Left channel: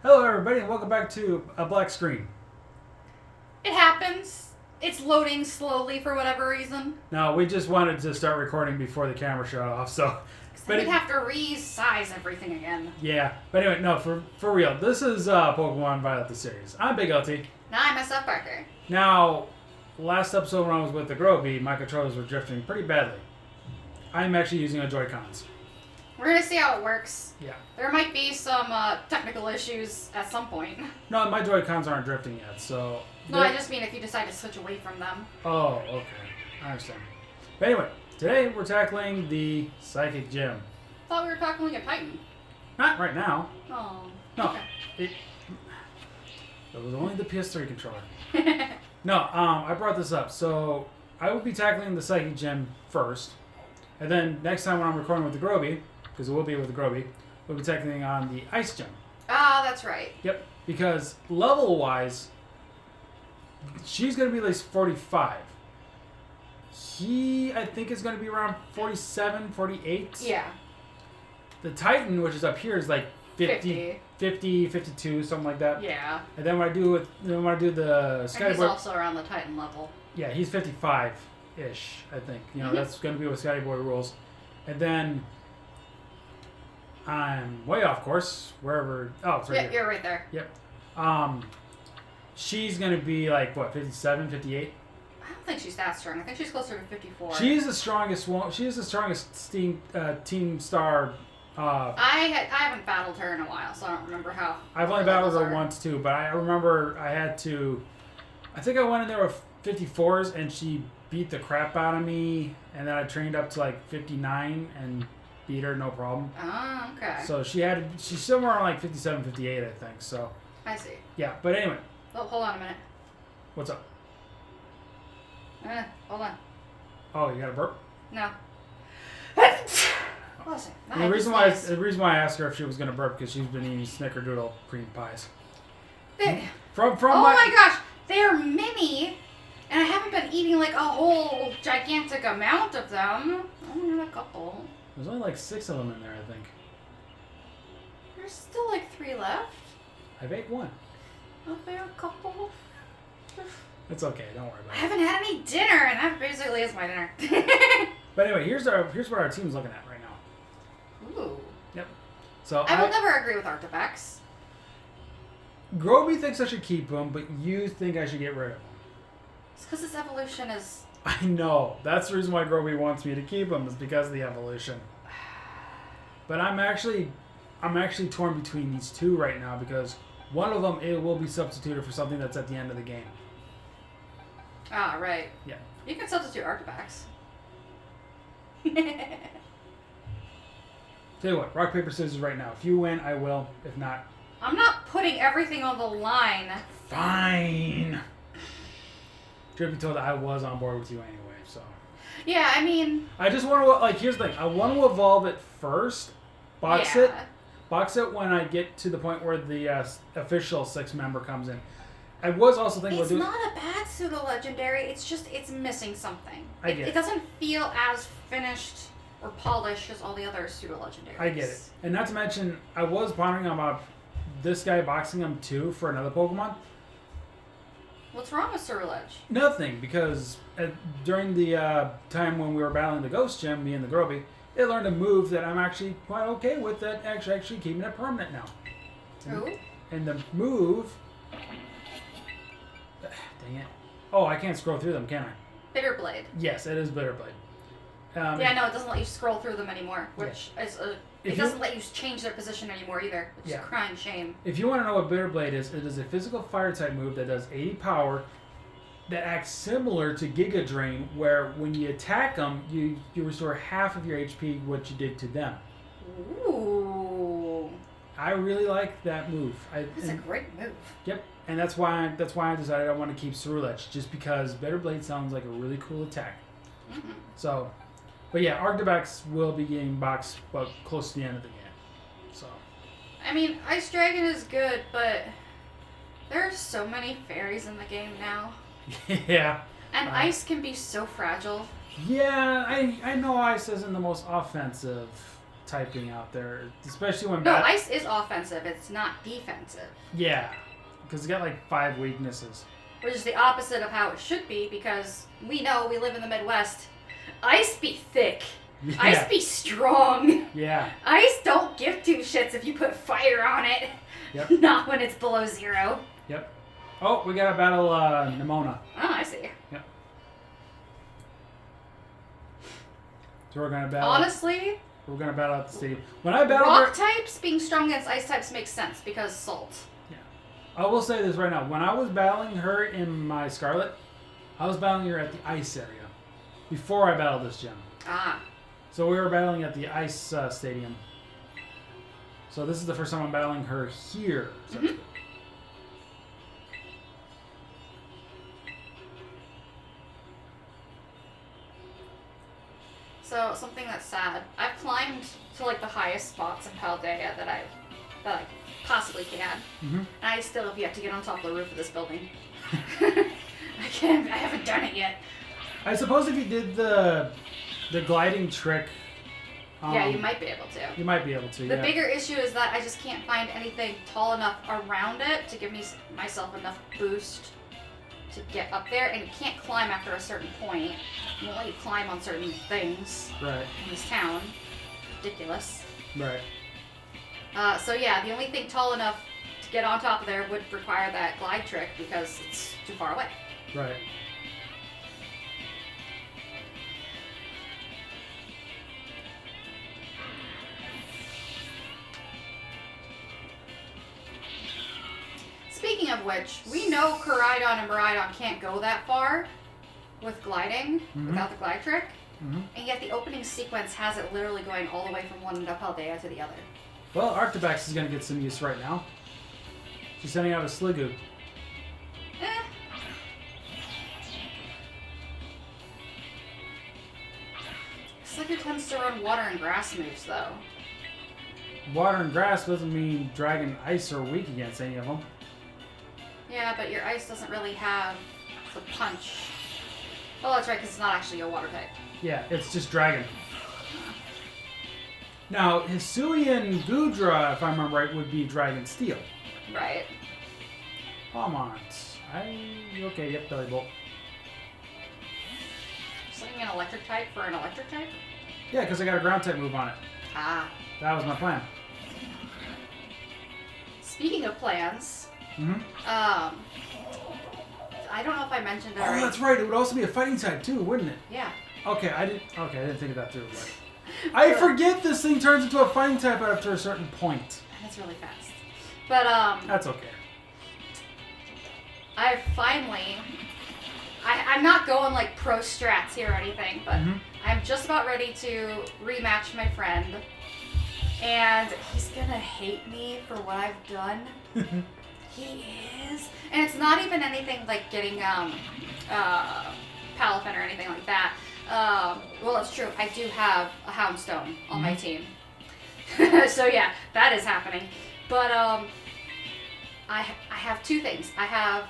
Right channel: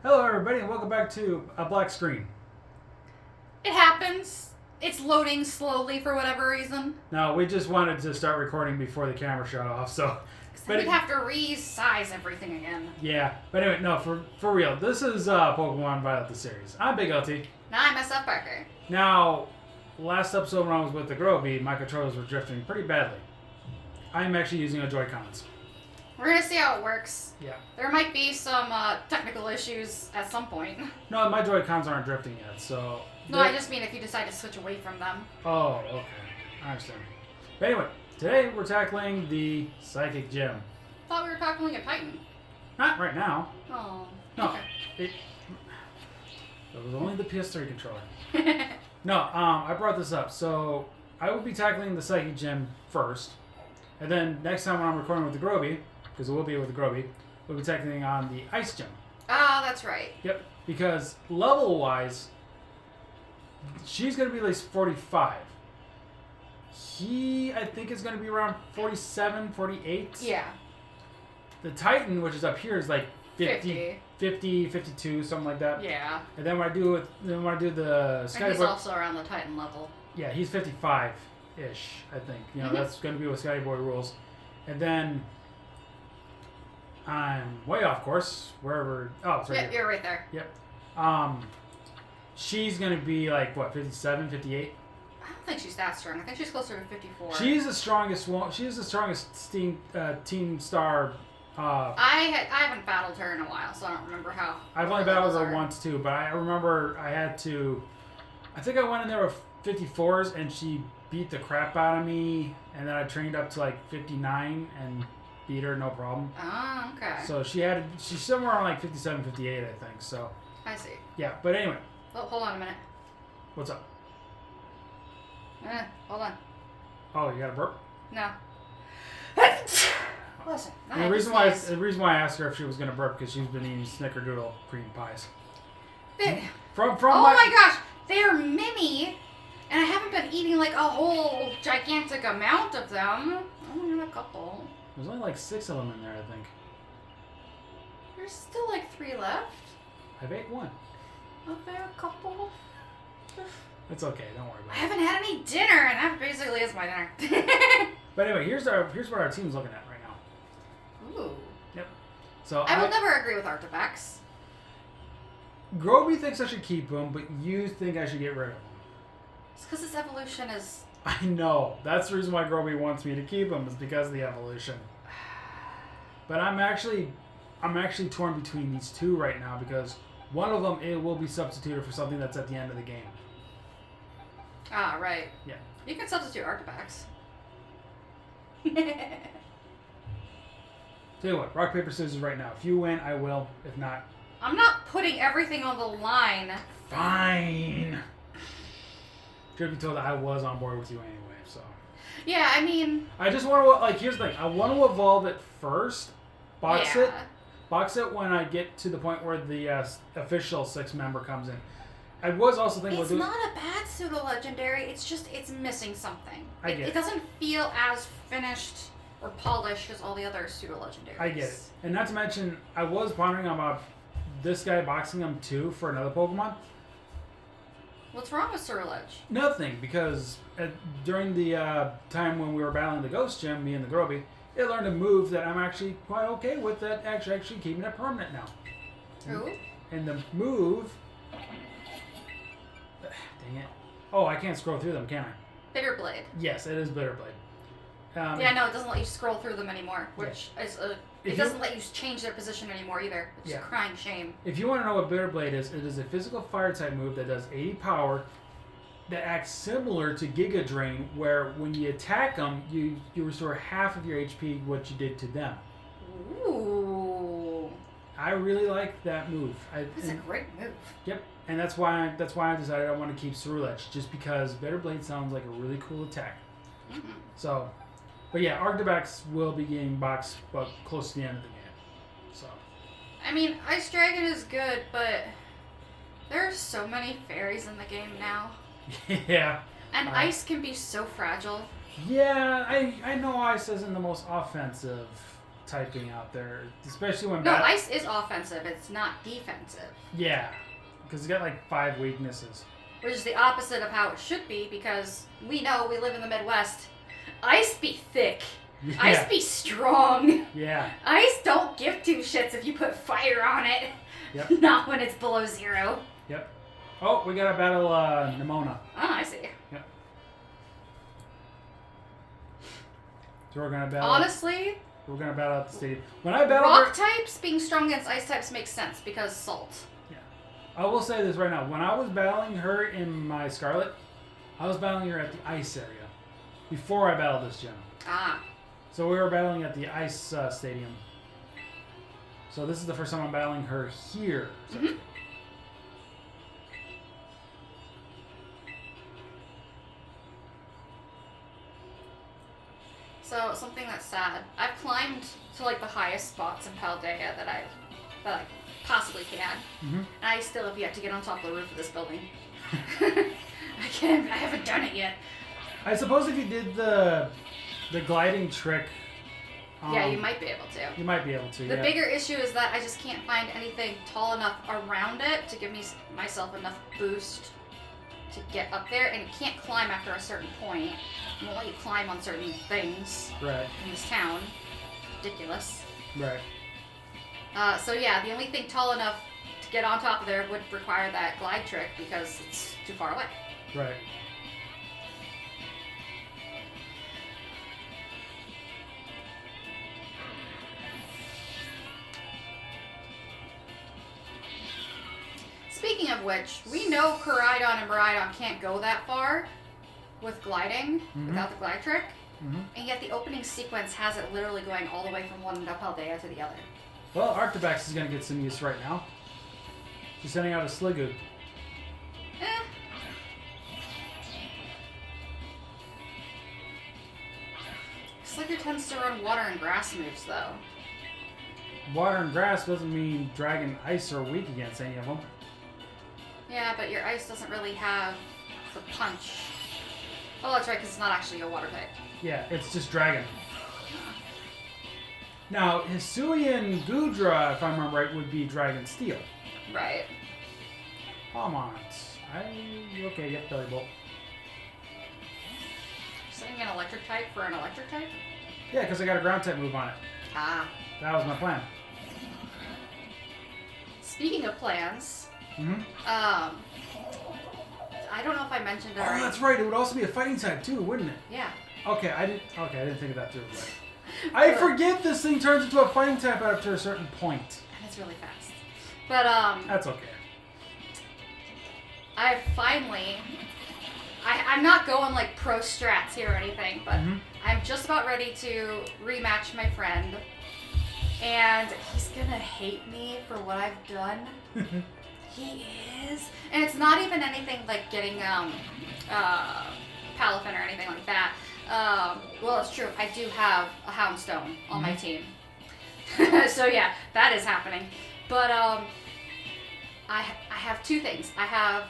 Hello, everybody, and welcome back to a black screen. It happens. It's loading slowly for whatever reason. Now, we just wanted to start recording before the camera shut off, so. But we'd have to resize everything again. Yeah, but anyway, no, for real. This is Pokemon Violet the series. I'm Big LT. Now I'm SFParker. Now, last episode when I was with the Groby, my controllers were drifting pretty badly. I'm actually using a Joy-Cons. We're gonna see how it works. Yeah. There might be some technical issues at some point. No, my Joy-Cons aren't drifting yet, so. No, I just mean if you decide to switch away from them. Oh, okay. I understand. But anyway, today we're tackling the Psychic Gym. Thought we were tackling a Titan. Not right now. Oh. No. Okay. It was only the PS3 controller. No, I brought this up. So I will be tackling the Psychic Gym first. And then next time when I'm recording with the Groby, because it will be with the Groby, we'll be tackling on the Ice Gym. Ah, that's right. Yep. Because level-wise, she's going to be at least 45. He, I think, is going to be around 47, 48. Yeah. The Titan, which is up here, is like 50, 52, something like that. Yeah. And then when I do the Skyboard, And he's also around the Titan level. yeah, he's 55-ish, I think. You know, that's going to be with Skyboy rules. And then I'm way off course, wherever. Oh, it's right here. You're right there. Yep. She's going to be like what, 57, 58? I don't think she's that strong. I think she's closer to 54. She's the strongest one. She is the strongest Team Star. I haven't battled her in a while, so I don't remember how. I've only battled her once too, but I remember I think I went in there with 54s and she beat the crap out of me, and then I trained up to like 59 and beat her no problem. Oh, okay. So she's somewhere around like 57, 58, I think. So I see. yeah, but anyway. Oh, hold on a minute. What's up? Hold on. Oh, you got a burp? No. Listen. The reason why I asked her if she was gonna burp because she's been eating Snickerdoodle cream pies. From oh my gosh, they're mini, and I haven't been eating like a whole gigantic amount of them. Only a couple. There's only like 6 of them in there, I think. There's still like 3 left. I've ate one. Okay, a couple. It's okay, don't worry about I it. haven't had any dinner, and that basically is my dinner. But anyway, here's what our team's looking at right now. Ooh. Yep. So I will never agree with Artifacts. Groby thinks I should keep him, but you think I should get rid of him. It's because his evolution is... I know. That's the reason why Groby wants me to keep him, is because of the evolution. But I'm actually torn between these two right now, because one of them, it will be substituted for something that's at the end of the game. Ah, right. Yeah. You can substitute Artifacts. Tell you what, rock, paper, scissors right now. If you win, I will. If not... I'm not putting everything on the line. Fine. Should be told that I was on board with you anyway, so... Yeah, I mean... I just want to, like, here's the thing. I want to evolve it first. Box it when I get to the point where the official 6-member comes in. I was also thinking... It's not a bad pseudo-legendary. It's just, it's missing something. It doesn't feel as finished or polished as all the other pseudo-legendaries. I get it. And not to mention, I was pondering about this guy boxing him too for another Pokemon. What's wrong with Surledge? Nothing, because during the time when we were battling the Ghost Gym, me and the Groby, they learned a move that I'm actually quite okay with, that actually keeping it permanent now. Ooh. And the move... Dang it. Oh, I can't scroll through them, can I? Bitterblade. Yes, it is Bitterblade. Yeah, no, it doesn't let you scroll through them anymore, which is it doesn't let you change their position anymore either, which is a crying shame. If you want to know what Bitterblade is, it is a physical fire-type move that does 80 power that acts similar to Giga Drain, where when you attack them, you restore half of your HP what you did to them. Ooh. I really like that move. That's a great move. Yep, and that's why I decided I want to keep Surledge, just because Bitterblade sounds like a really cool attack. Mm-hmm. So, but yeah, Arctivax will be getting boxed, but close to the end of the game. So. I mean, Ice Dragon is good, but there are so many fairies in the game now. Yeah. And ice can be so fragile. Yeah, I know ice isn't the most offensive typing out there, especially when... No, ice is offensive. It's not defensive. Yeah, because it's got like 5 weaknesses. Which is the opposite of how it should be, because we know we live in the Midwest. Ice be thick. Yeah. Ice be strong. Yeah. Ice don't give 2 shits if you put fire on it. Yep. Not when it's below 0. Yep. Oh, we gotta battle Nimona. Oh, I see. Yep. So we're gonna battle... Honestly... We're gonna battle at the stadium. When I battle rock types being strong against ice types makes sense because salt. Yeah. I will say this right now. When I was battling her in my Scarlet, I was battling her at the ice area before I battled this gem. Ah. So we were battling at the ice stadium. So this is the first time I'm battling her here. So. Mm-hmm. So, something that's sad. I've climbed to like the highest spots in Paldea that I possibly can. Mm-hmm. And I still have yet to get on top of the roof of this building. I haven't done it yet. I suppose if you did the gliding trick... yeah, you might be able to. You might be able to, The bigger issue is that I just can't find anything tall enough around it to give myself enough boost to get up there, and you can't climb after a certain point. You won't let you climb on certain things right. in this town. Ridiculous. Right. So yeah, the only thing tall enough to get on top of there would require that glide trick because it's too far away. Right. Speaking of which, we know Koraidon and Miraidon can't go that far with gliding, without the glide trick, and yet the opening sequence has it literally going all the way from one end of Paldea to the other. Well, Arctibax is going to get some use right now. She's sending out a Sliggoo. Sliggoo tends to run water and grass moves, though. Water and grass doesn't mean dragon ice are weak against any of them. Yeah, but your ice doesn't really have the punch. Oh, that's right, because it's not actually a water type. Yeah, it's just dragon. Now, Hisuian Gudra, if I remember right, would be dragon steel. Right. Come on. Okay, yep, Belly Bolt. Setting an electric type for an electric type? Yeah, because I got a ground type move on it. Ah. That was my plan. Speaking of plans, I don't know if I mentioned it already. Oh, that's right. It would also be a fighting type too, wouldn't it? Yeah. Okay, I didn't think of that too. But I forget this thing turns into a fighting type after a certain point. And it's really fast. But that's okay. I finally. I'm not going like pro strats here or anything, but I'm just about ready to rematch my friend. And he's gonna hate me for what I've done. He is. And it's not even anything like getting Palafin or anything like that. Well, it's true. I do have a Houndstone on my team. So yeah, that is happening. But I have 2 things. I have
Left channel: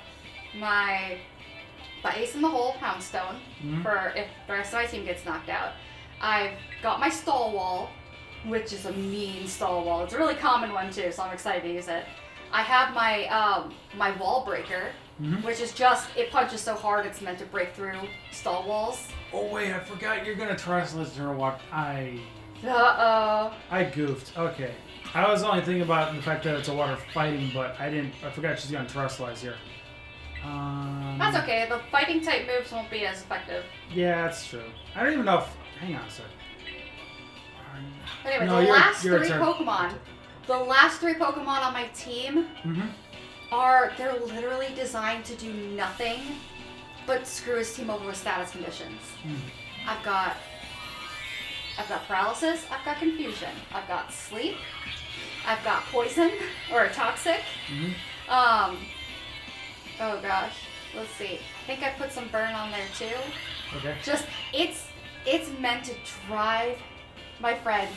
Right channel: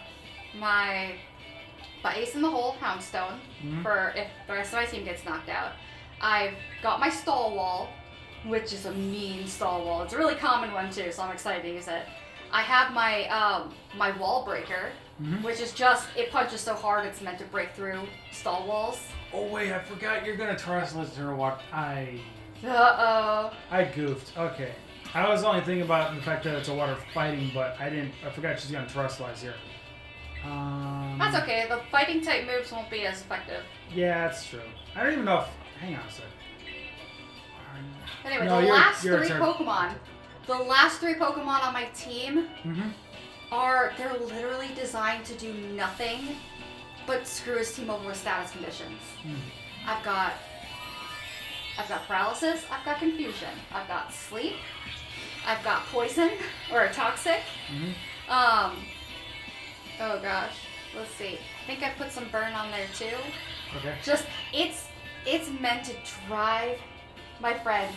my Ace in the Hole Houndstone for if the rest of my team gets knocked out. I've got my Stall Wall, which is a mean Stall Wall. It's a really common one too, so I'm excited to use it. I have my my Wall Breaker, which is just, it punches so hard it's meant to break through stall walls. Oh wait, I forgot you're gonna Terrestrialize her walk. Uh-oh. I goofed. Okay. I was only thinking about the fact that it's a water fighting, but I forgot she's gonna Terrestrialize here. That's okay, the fighting type moves won't be as effective. Yeah, that's true. I don't even know if... Hang on a sec. Anyway, the last 3 Pokemon on my team they're literally designed to do nothing but screw his team over with status conditions. I've got paralysis, I've got confusion, I've got sleep, I've got poison or toxic. Oh gosh, let's see. I think I put some burn on there too. Okay. Just it's meant to drive my friend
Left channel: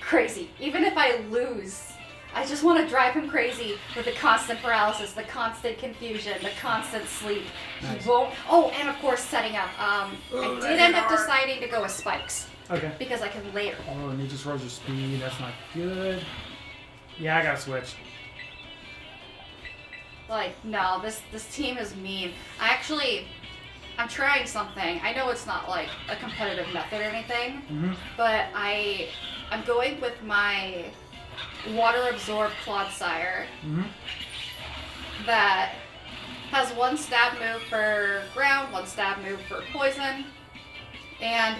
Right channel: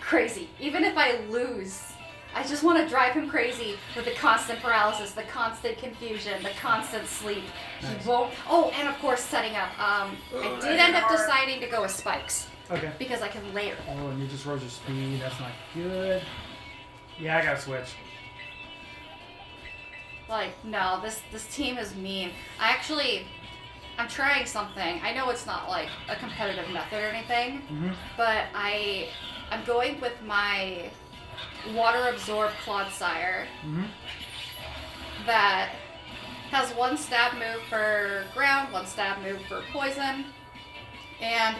crazy. Even if I lose, I just want to drive him crazy with the constant paralysis, the constant confusion, the constant sleep. Nice. He won't. Oh, and of course setting up. I did end up deciding to go with spikes. Okay. because I can layer it. Oh, and you just rose your speed. That's not good. Yeah, I gotta switch. Like, no, this team is mean. I'm trying something. I know it's not like a competitive method or anything, but I'm going with my water absorbed Clodsire that has one stab move for ground, one stab move for poison, and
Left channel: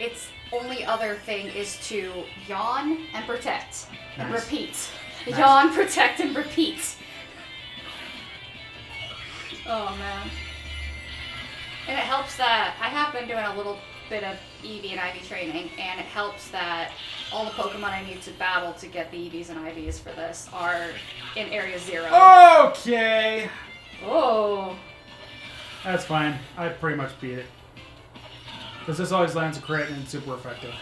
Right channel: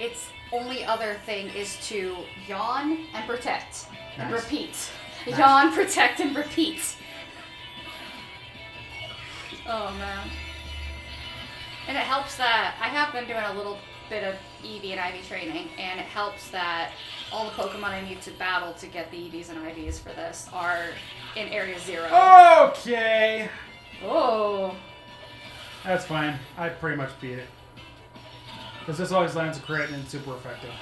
its only other thing is to yawn and protect and repeat. Nice. Yawn, protect, and repeat. Oh man. And it helps that I have been doing a little bit of EV and IV training, and it helps that all the Pokemon I need to battle to get the EVs and IVs for this are in Area 0. Okay. Oh. That's fine. I pretty much beat it. Because this always lands a crit and it's super effective.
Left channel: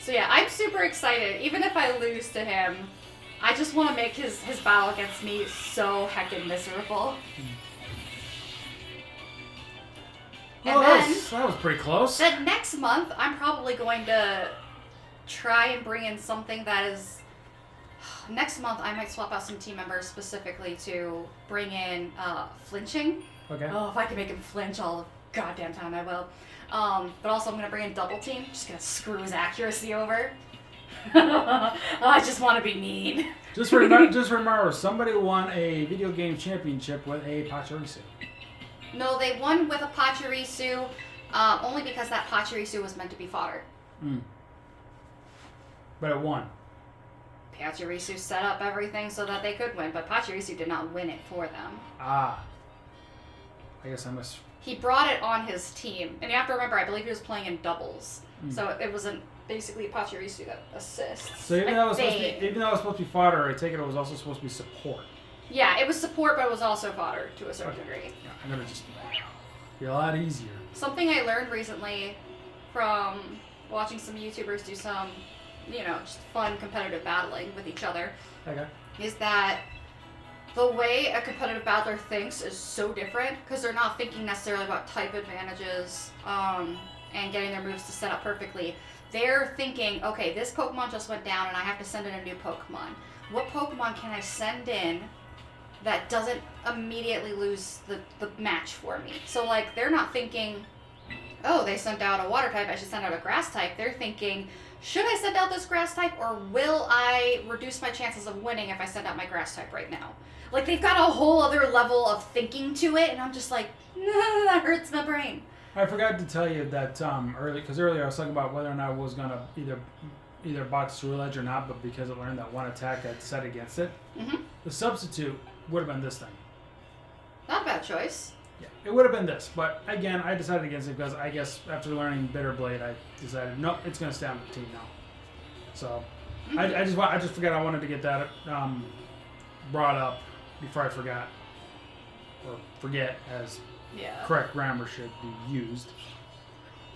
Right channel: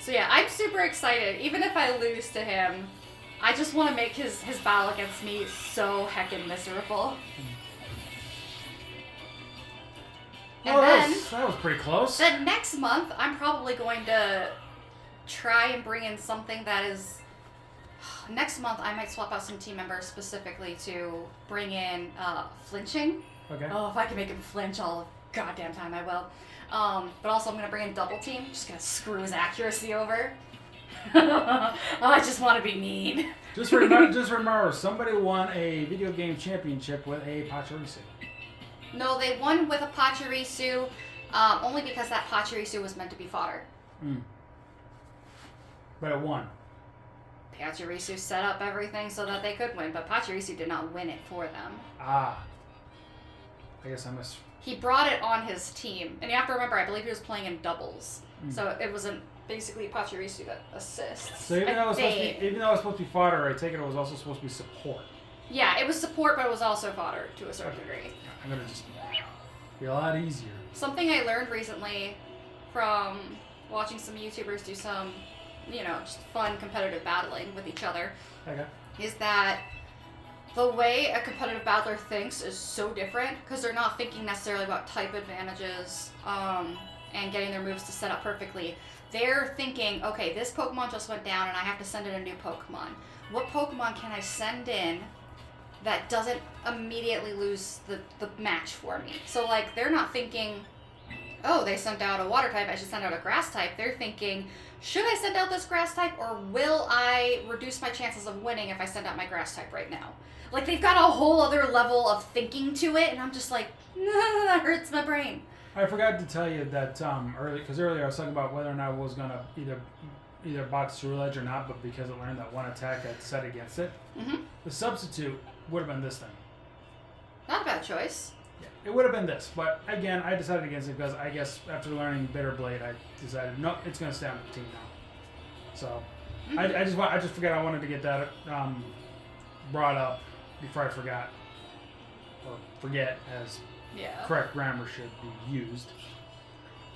So yeah, I'm super excited. Even if I lose to him, I just want to make his battle against me so heckin' miserable. Well, that was pretty close. Then next month, I'm probably going to try and bring in something that is... Next month, I might swap out some team members specifically to bring in flinching. Okay. Oh, if I can make him flinch all the goddamn time, I will. But also, I'm going to bring in double team. Just going to screw his accuracy over. I just want to be mean. Just remember, somebody won a video game championship with a Pachirisu. No, they won with a Pachirisu, only because that Pachirisu was meant to be fodder. But it won. Pachirisu set up everything so that they could win, but Pachirisu did not win it for them. Ah. I guess I missed. He brought it on his team, and you have to remember, I believe he was playing in doubles, so it wasn't basically Pachirisu that assists. So even though it was supposed to be fodder, I take it was also supposed to be support. Yeah, it was support, but it was also fodder to a certain degree. Yeah, I'm gonna just be a lot easier. Something I learned recently from watching some YouTubers do some, just fun competitive battling with each other, is that the way a competitive battler thinks is so different because they're not thinking necessarily about type advantages and getting their moves to set up perfectly. They're thinking, okay, this Pokemon just went down and I have to send in a new Pokemon. What Pokemon can I send in that doesn't immediately lose the match for me? So, like, they're not thinking, oh, they sent out a water type, I should send out a grass type. They're thinking, should I send out this grass type, or will I reduce my chances of winning if I send out my grass type right now? Like, they've got a whole other level of thinking to it, and I'm just like, that hurts my brain. I forgot to tell you that earlier I was talking about whether or not I was going to either box True Ledge or not, but because it learned that one attack had set against it, the substitute would have been this thing. Not a bad choice. Yeah, it would have been this, but again, I decided against it because I guess after learning Bitter Blade, I decided no, it's going to stay on the team now. So I just forgot I wanted to get that brought up before I forgot or forget, as correct grammar should be used.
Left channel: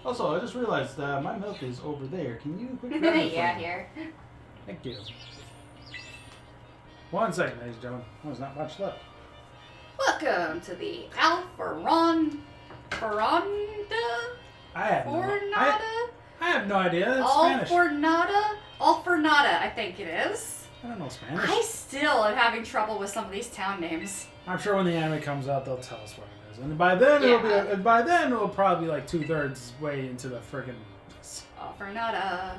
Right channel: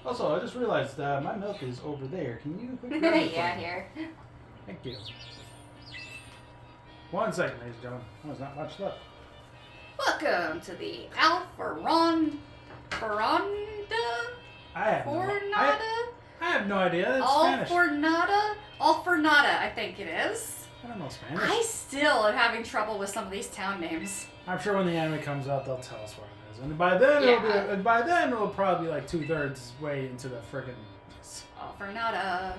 Also, I just realized my milk is over there. Can you quickly grab it? Yeah, here. Thank you. 1 second, ladies and gentlemen. Oh, there's not much left. Welcome to the Alpharonda? I have no idea. It's Spanish. Alfornada, I think it is. I don't know Spanish. I still am having trouble with some of these town names. I'm sure when the anime comes out, they'll tell us what it is, and by then it'll probably be like 2/3 way into the friggin' Alfornada.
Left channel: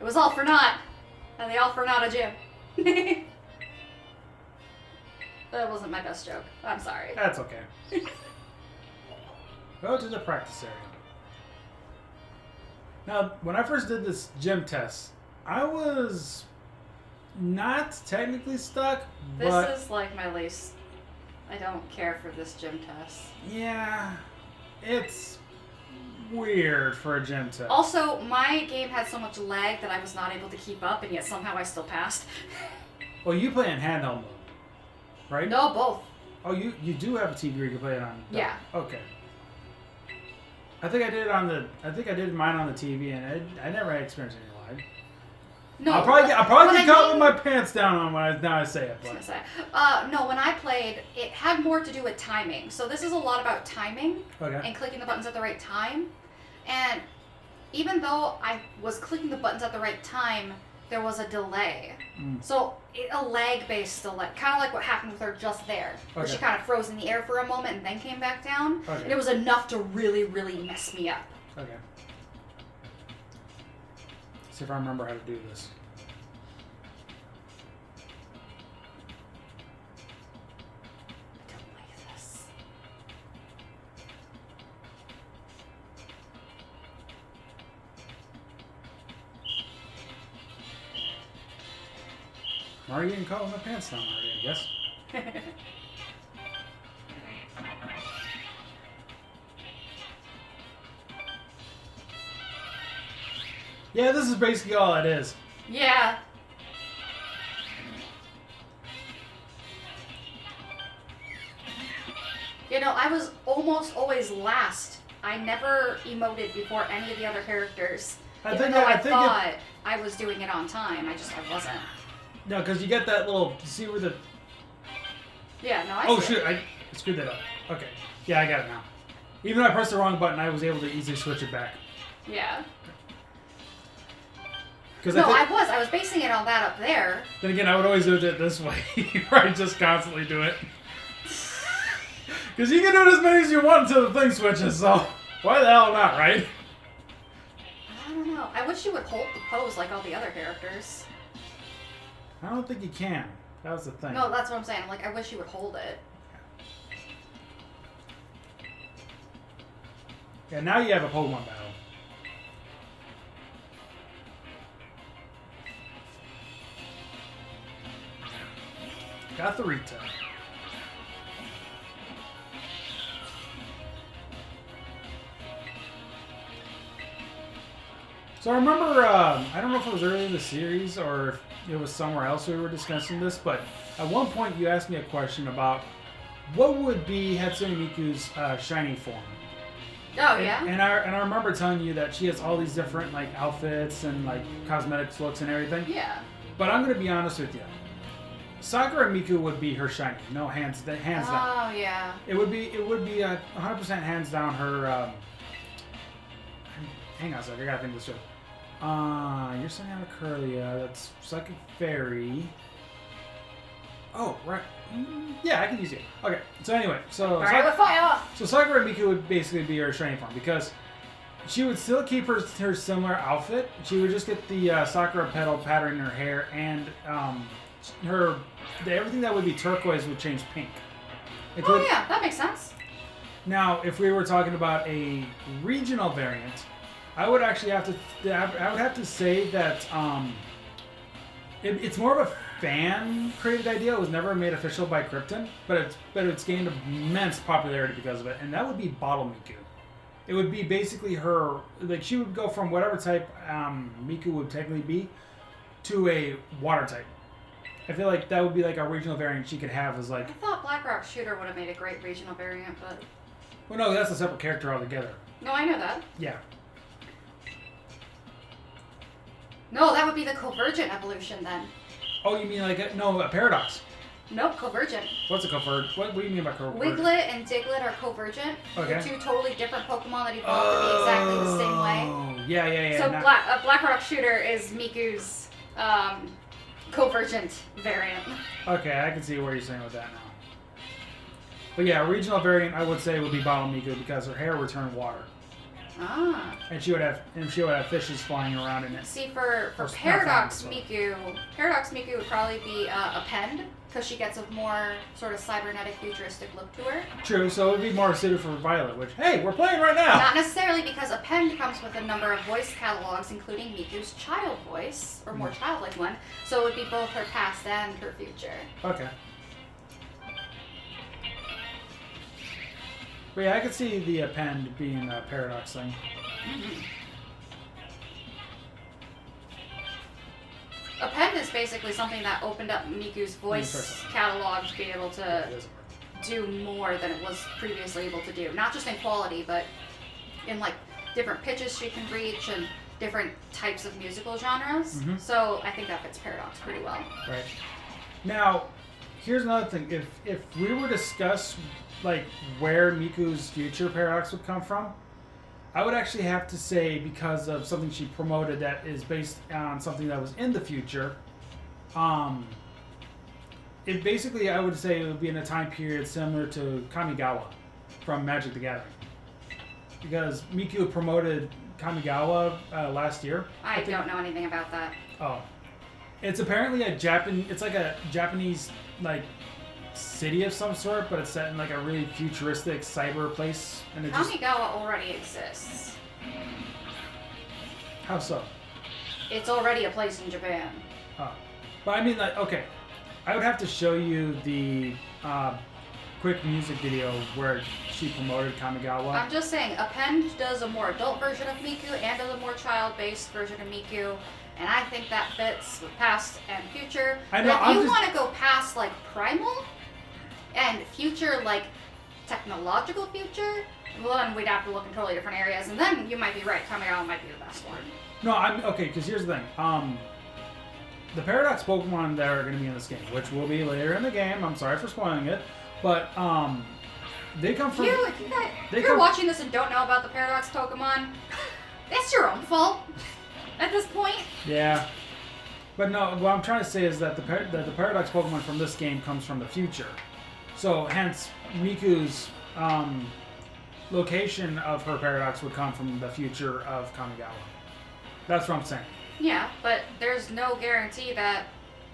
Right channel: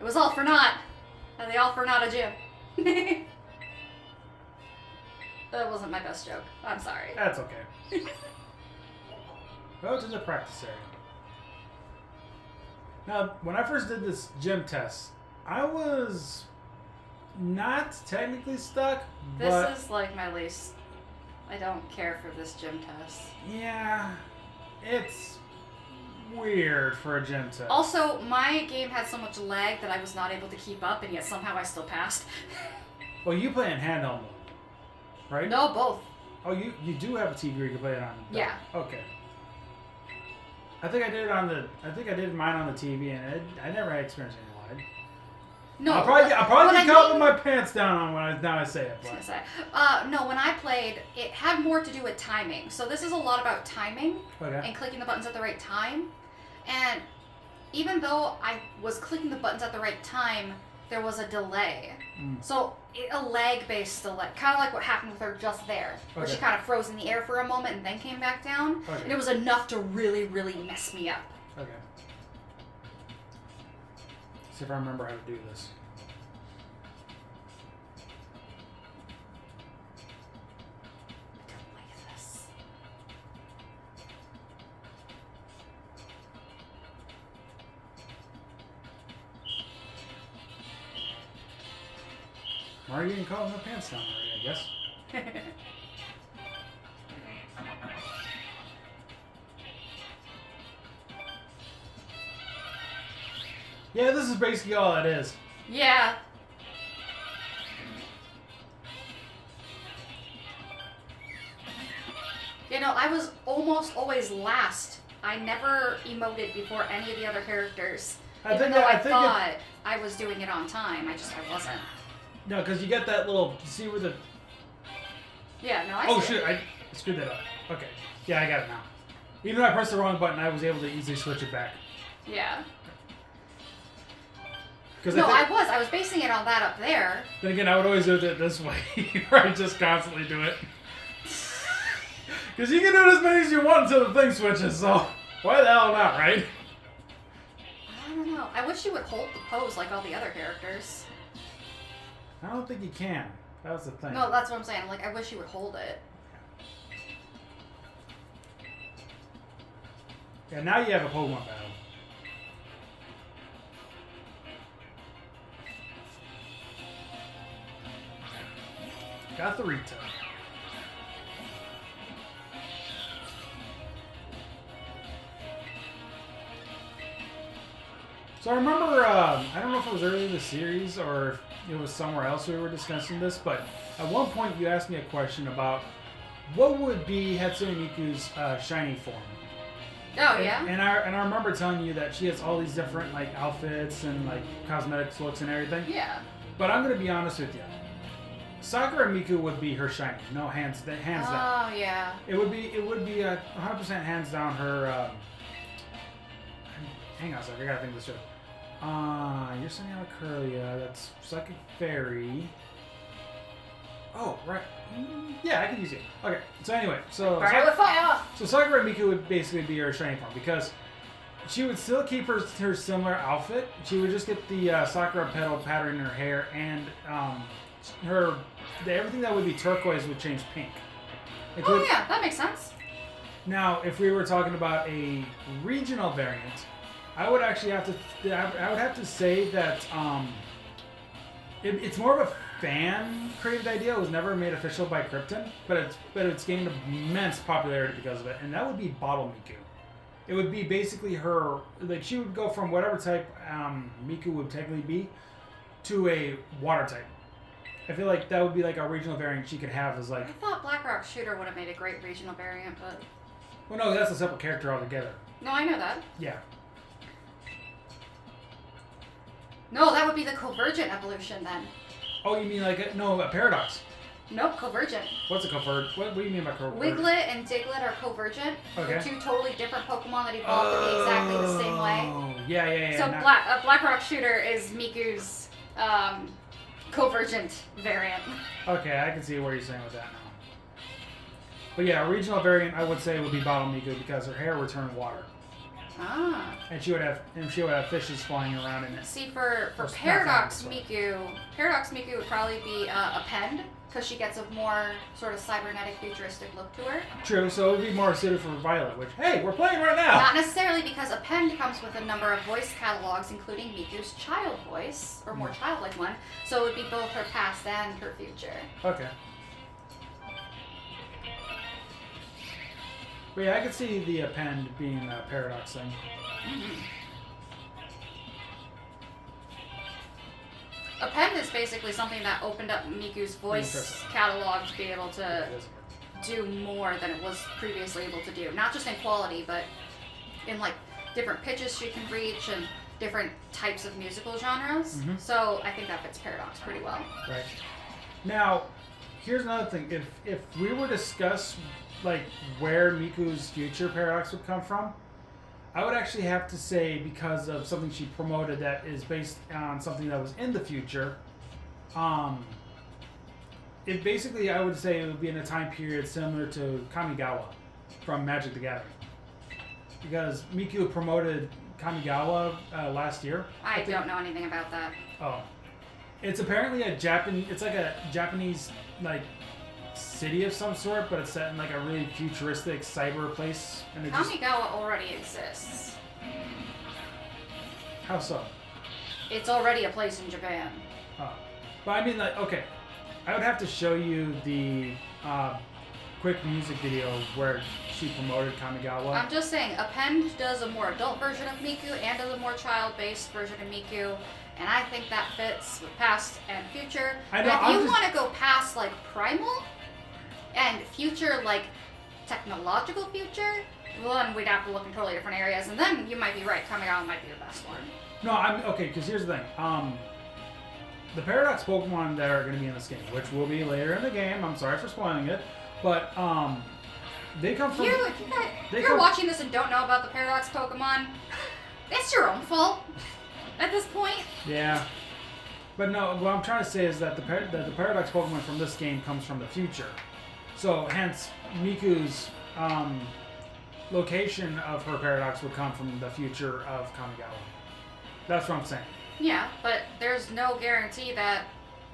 It was all for naught at the Alfornada gym. That wasn't my best joke. I'm sorry. That's okay. Go to the practice area. Now, when I first did this gym test, I was not technically stuck, but... This is like my least... I don't care for this gym test. Yeah, it's weird for a gym test. Also, my game had so much lag that I was not able to keep up, and yet somehow I still passed. Well, you play in handheld mode, right? No, both. Oh, you do have a TV where you can play it on. Yeah. Okay. I think I did mine on the TV, and I never had experience any lag. No. I'll probably what get caught with my pants down on when I say it. I was gonna say. No, when I played, it had more to do with timing. So this is a lot about timing and clicking the buttons at the right time. And even though I was clicking the buttons at the right time, there was a delay. So a lag-based delay, kind of like what happened with her just there, where she kind of froze in the air for a moment and then came back down. And it was enough to really, really mess me up. Okay. See if I remember how to do this. I don't like this. I'm already getting caught with my pants down already, I guess. Yeah, this is basically all it is. Yeah. You know, I was almost always last. I never emoted before any of the other characters. Even though I thought I was doing it on time, I wasn't. No, because you get that little, see where the... Yeah, no, Oh, shoot, I screwed that up. Okay. Yeah, I got it now. Even though I pressed the wrong button, I was able to easily switch it back. Yeah. No, I was basing it on that up there. Then again, I would always do it this way, where I just constantly do it. Because you can do it as many as you want until the thing switches, so why the hell not, right? I don't know. I wish you would hold the pose like all the other characters. I don't think you can. That was the thing. No, that's what I'm saying. I'm like, I wish you would hold it. Yeah, now you have a Pokemon battle. Got the Rita. So I remember, I don't know if it was early in the series or if it was somewhere else we were discussing this, but at one point you asked me a question about what would be Ha2neMikyu's shiny form. Oh, yeah? And I remember telling you that she has all these different like outfits and like cosmetics looks and everything. Yeah. But I'm gonna be honest with you. Sakura Miku would be her shiny. No, hands down. Oh, yeah. It would be 100% hands down her. Hang on a second, I gotta think this through. You're sending out a Curlia. That's Psychic Fairy. Oh, right. Yeah, I can use it. Okay. So anyway, Fire with fire. So Sakura Miku would basically be her shiny form because she would still keep her similar outfit. She would just get the Sakura petal pattern in her hair, and everything that would be turquoise would change pink. Oh yeah, that makes sense. Now, if we were talking about a regional variant, I would actually have to say that it's more of a fan created idea. It was never made official by Krypton, but it's gained immense popularity because of it, and that would be Bottle Miku. It would be basically her, like she would go from whatever type Miku would technically be to a water type. I feel like that would be like a regional variant she could have as like... I thought Blackrock Shooter would have made a great regional variant, but... Well, no, that's a separate character altogether. No, I know that. Yeah. No, that would be the Convergent evolution then. Oh, you mean like a Paradox? Nope, Convergent. What's a Convergent? What do you mean by Convergent? Wiglet and Diglett are Convergent. Okay. They're two totally different Pokemon that evolve to be exactly the same way. Yeah. So Blackrock Shooter is Miku's Convergent variant. Okay, I can see where you're saying with that now. But yeah, a regional variant I would say would be Bottle Miku because her hair would turn water. Ah. And she would have fishes flying around in it. See, for Paradox Miku would probably be a Append, because she gets a more sort of cybernetic futuristic look to her. True, so it would be more suited for Violet, which, hey, we're playing right now! Not necessarily, because Append comes with a number of voice catalogs, including Miku's child voice, or more childlike one, so it would be both her past and her future. Okay. But yeah, I could see the Append being a Paradox thing. Mm-hmm. Append is basically something that opened up Miku's voice catalog to be able to do more than it was previously able to do. Not just in quality, but in like different pitches she can reach and different types of musical genres. Mhm. So I think that fits Paradox pretty well. Right. Now, here's another thing. If we were to discuss like where Miku's future Paradox would come from, I would actually have to say because of something she promoted that is based on something that was in the future. It basically, I would say, it would be in a time period similar to Kamigawa from Magic the Gathering, because Miku promoted Kamigawa last year. I don't know anything about that. Oh, it's apparently a Japan. It's like a Japanese like city of some sort, but it's set in like a really futuristic cyber place. And it just Kamigawa already exists. how so? It's already a place in Japan. Oh, but I mean like okay, I would have to show you the quick music video where she promoted Kamigawa. I'm just saying, Append does a more adult version of Miku and does a more child-based version of Miku, and I think that fits with past and future. I know, But if you want to go past like primal and future, like technological future, well then we'd have to look in totally different areas, and then you might be right, Kamigawa might be the best one. No, I'm okay because here's the thing. The Paradox Pokemon that are going to be in this game, which will be later in the game. I'm sorry for spoiling it, but they come from. You're watching this and don't know about the Paradox Pokemon. That's your own fault. At this point. Yeah, but no. What I'm trying to say is that the Paradox Pokemon from this game comes from the future, so hence Miku's location of her Paradox would come from the future of Kamigawa. That's what I'm saying. Yeah, but there's no guarantee that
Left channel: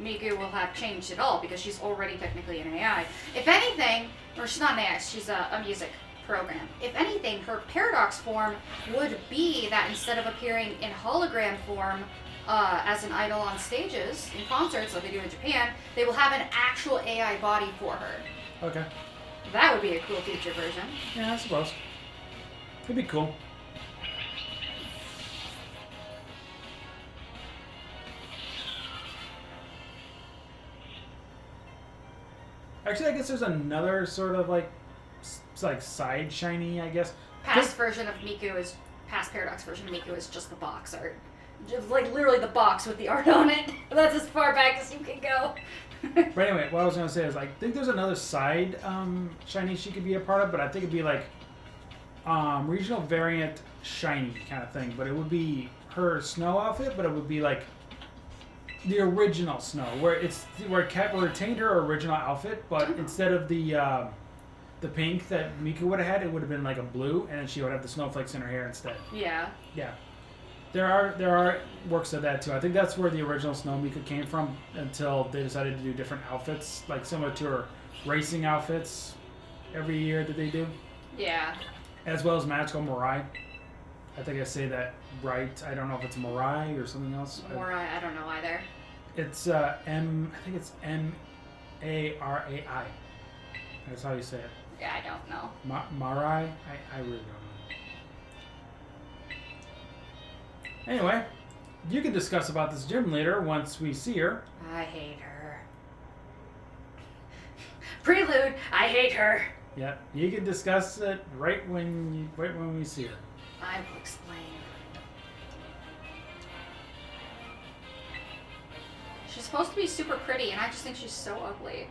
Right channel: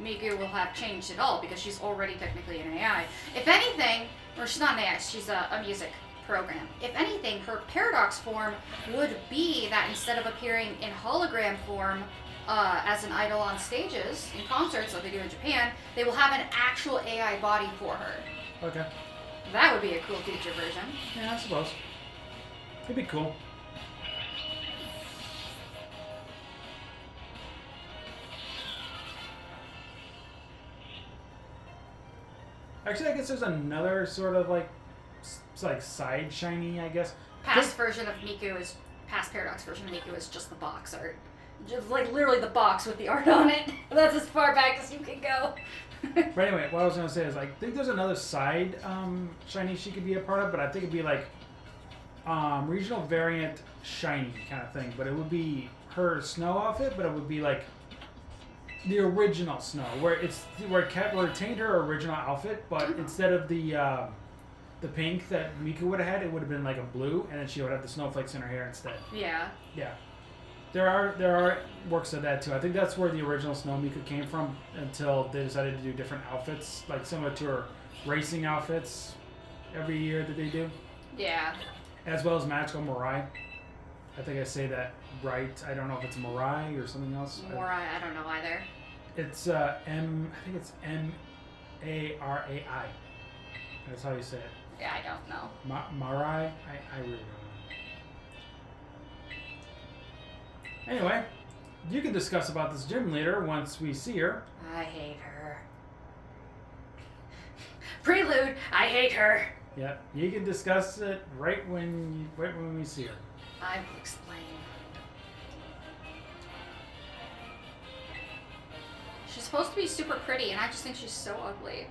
Miku will have changed at all because she's already technically an AI. If anything, or she's not an AI, she's a music program. If anything, her Paradox form would be that instead of appearing in hologram form as an idol on stages, in concerts like they do in Japan, they will have an actual AI body for her. Okay. That would be a cool future version. Yeah, I suppose. It'd be cool. Actually, I guess there's another sort of like, side shiny, I guess. Past version of Miku is past Paradox version of Miku is just the box art, just like literally the box with the art on it. That's as far back as you can go. But anyway, what I was gonna say is I think there's another side shiny she could be a part of, but I think it'd be like regional variant shiny kind of thing. But it would be her snow outfit, but it would be like the original Snow, where it retained her original outfit, but instead of the pink that Miku would have had, it would have been like a blue, and then she would have the snowflakes in her hair instead. Yeah. Yeah. There are works of that too. I think that's where the original Snow Miku came from until they decided to do different outfits, like similar to her racing outfits every year that they do. Yeah. As well as Magical Mirai. I think I say that right. I don't know if it's Mirai or something else. Mirai, I don't know either. It's I think it's Marai. That's how you say it. Yeah, I don't know. Mirai? I really don't know. Anyway, you can discuss about this gym leader once we see her. I hate her. Prelude, I hate her. Yep, you can discuss it right when we see her. I will explain. She's supposed to be super pretty, and I just think she's so ugly.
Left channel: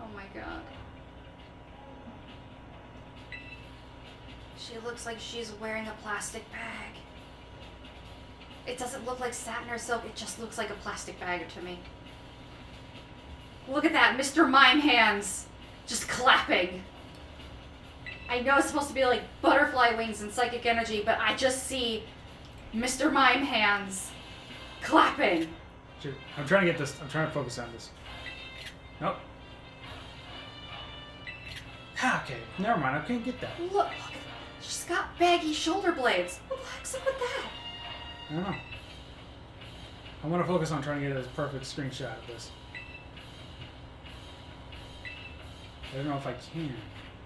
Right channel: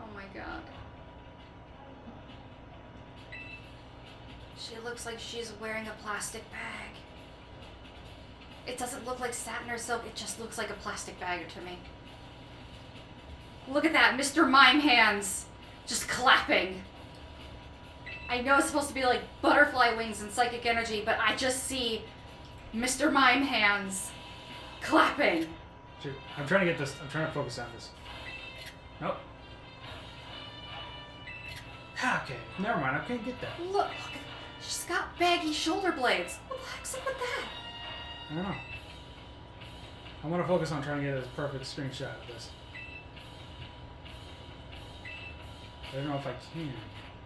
Oh my god. She looks like she's wearing a plastic bag. It doesn't look like satin or silk, it just looks like a plastic bag to me. Look at that, Mr. Mime hands just clapping. I know it's supposed to be like butterfly wings and psychic energy, but I just see Mr. Mime hands clapping. Shoot, I'm trying to get this. I'm trying to focus on this. Nope. Okay, never mind. I can't get that. Look, she's got baggy shoulder blades. What the heck's up with that? I don't know. I want to focus on trying to get a perfect screenshot of this. I don't know if I can.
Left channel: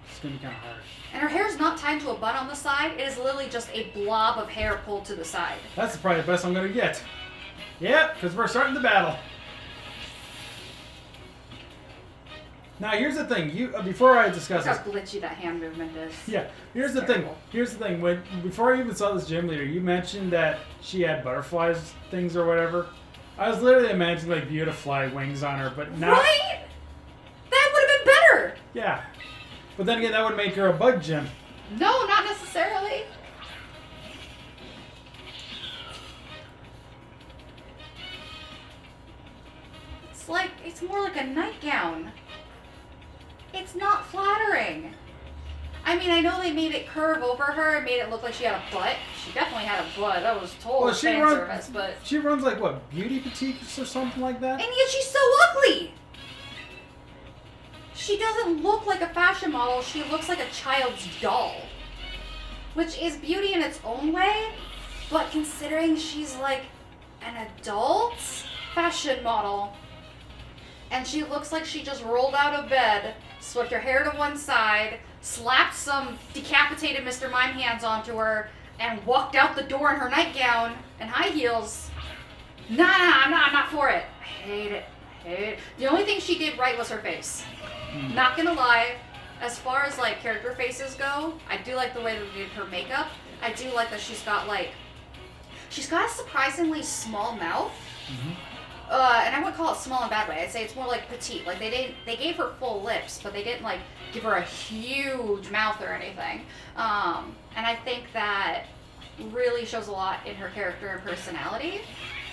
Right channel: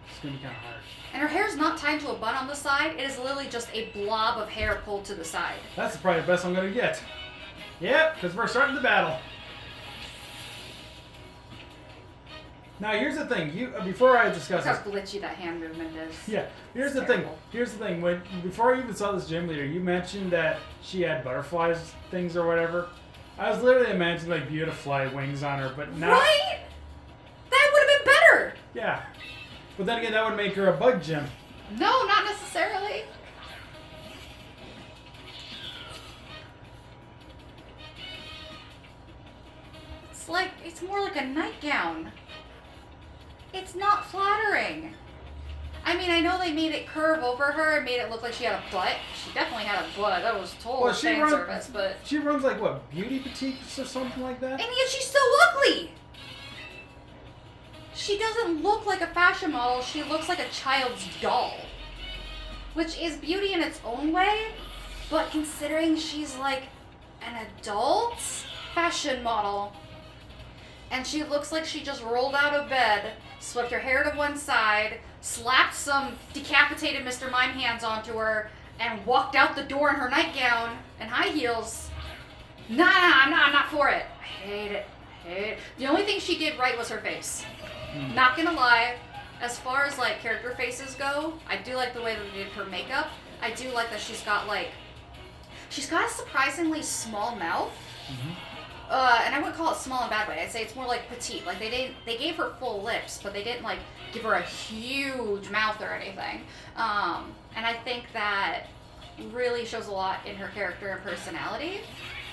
It's going to be kind of hard. And her hair's not tied to a bun on the side. It is literally just a blob of hair pulled to the side. That's probably the best I'm going to get. Yep, because we're starting the battle. Now here's the thing. You before I discuss Look this. how glitchy that hand movement is. Yeah. Here's It's the thing. terrible. Here's the thing. When before I even saw this gym leader, you mentioned that she had butterflies things or whatever. I was literally imagining like beautifly wings on her, but now. Right? That would have been better. Yeah. But then again, that would make her a bug gym. No, not necessarily. It's more like a nightgown. It's not flattering. I mean, I know they made it curve over her and made it look like she had a butt. She definitely had a butt. That was total fan service, but... She runs like, what, beauty boutiques or something like that? And yet she's so ugly! She doesn't look like a fashion model. She looks like a child's doll. Which is beauty in its own way, but considering she's like an adult fashion model, and she looks like she just rolled out of bed, swept her hair to one side, slapped some decapitated Mr. Mime hands onto her, and walked out the door in her nightgown and high heels. Nah, I'm not for it. I hate it. The only thing she did right was her face. Not gonna lie, as far as like character faces go, I do like the way that they did her makeup. I do like that she's got a surprisingly small mouth. Mm-hmm. And I wouldn't call it small in a bad way. I'd say it's more like petite. Like they gave her full lips, but they didn't like give her a huge mouth or anything. And I think that really shows a lot in her character and personality.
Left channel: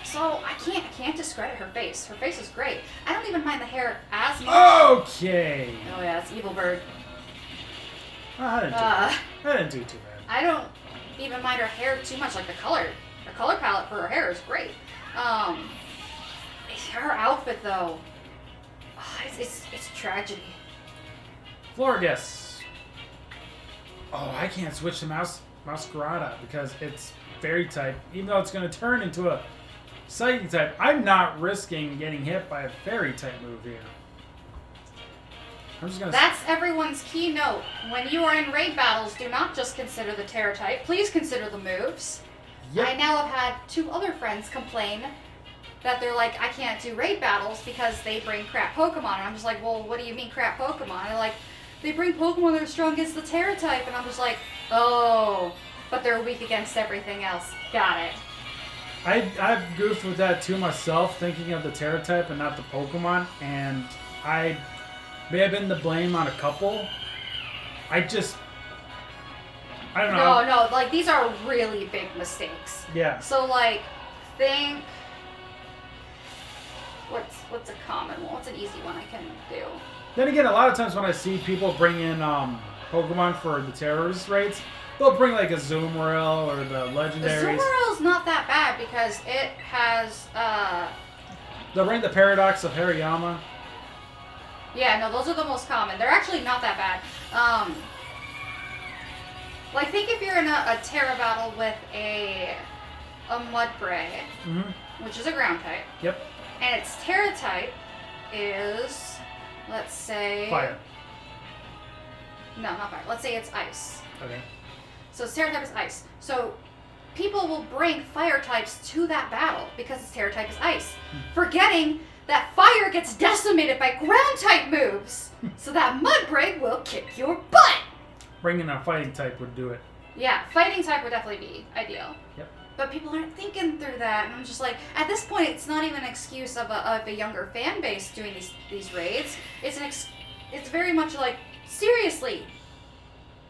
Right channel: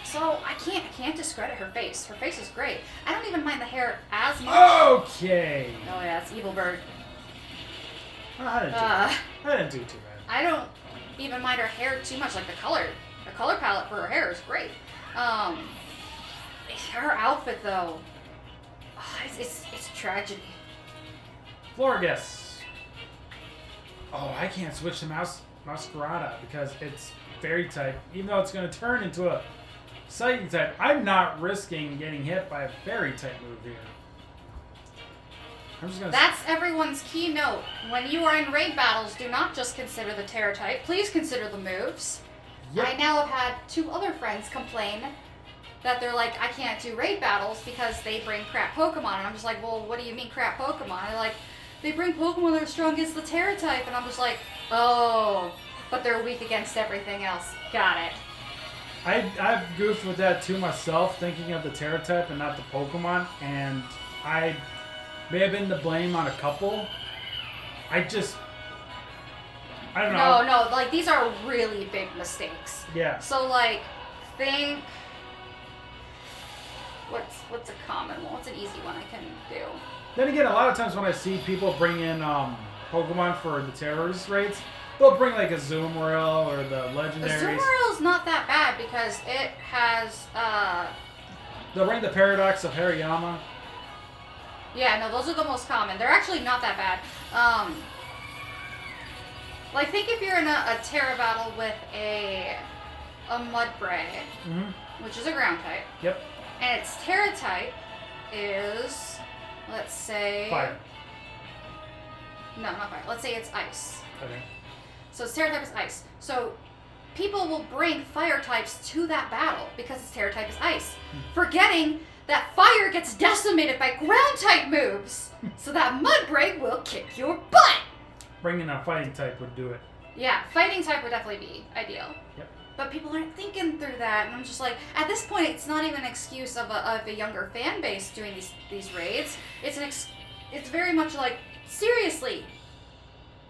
So I can't discredit her face. Her face is great. I don't even mind the hair as much. Okay. Oh yeah, it's Evil Bird. I didn't do too bad. I don't even mind her hair too much. Like the color palette for her hair is great. Her outfit though, it's tragedy. Floor guess. Oh, I can't switch to Masquerada because it's fairy type. Even though it's going to turn into a psychic type, I'm not risking getting hit by a fairy type move here. I'm just going to... That's everyone's keynote. When you are in raid battles, do not just consider the Terror type. Please consider the moves. Yep. I now have had 2 other friends complain that they're like, I can't do raid battles because they bring crap Pokemon. And I'm just like, well, what do you mean crap Pokemon? They're like, they bring Pokemon that are strong against the Terror type. And I'm just like, oh, but they're weak against everything else. Got it. I've goofed with that too myself, thinking of the Terror type and not the Pokemon. And I may have been the blame on a couple. I don't know. No, like, these are really big mistakes. Yeah. So, like, think... What's a common one? What's an easy one I can do? Then again, a lot of times when I see people bring in Pokemon for the terrorist raids, they'll bring like a Zoomeril or the legendaries. The Zoomeril's not that bad because it has, They'll bring the Paradox of Hariyama. yeah, no, those are the most common. They're actually not that bad. Like, think if you're in a Terra battle with a Mudbray, which is a ground type. Yep. And its Terra type is, let's say... Fire. No, not fire. Let's say it's ice. Okay. So its Terra type is ice. So people will bring fire types to that battle because its Terra type is ice, forgetting that fire gets decimated by ground type moves. So that Mudbray will kick your butt. Bringing a fighting type would do it. Yeah, fighting type would definitely be ideal. Yep. But people aren't thinking through that, and I'm just like, at this point, it's not even an excuse of a younger fan base doing these raids. It's very much like, seriously,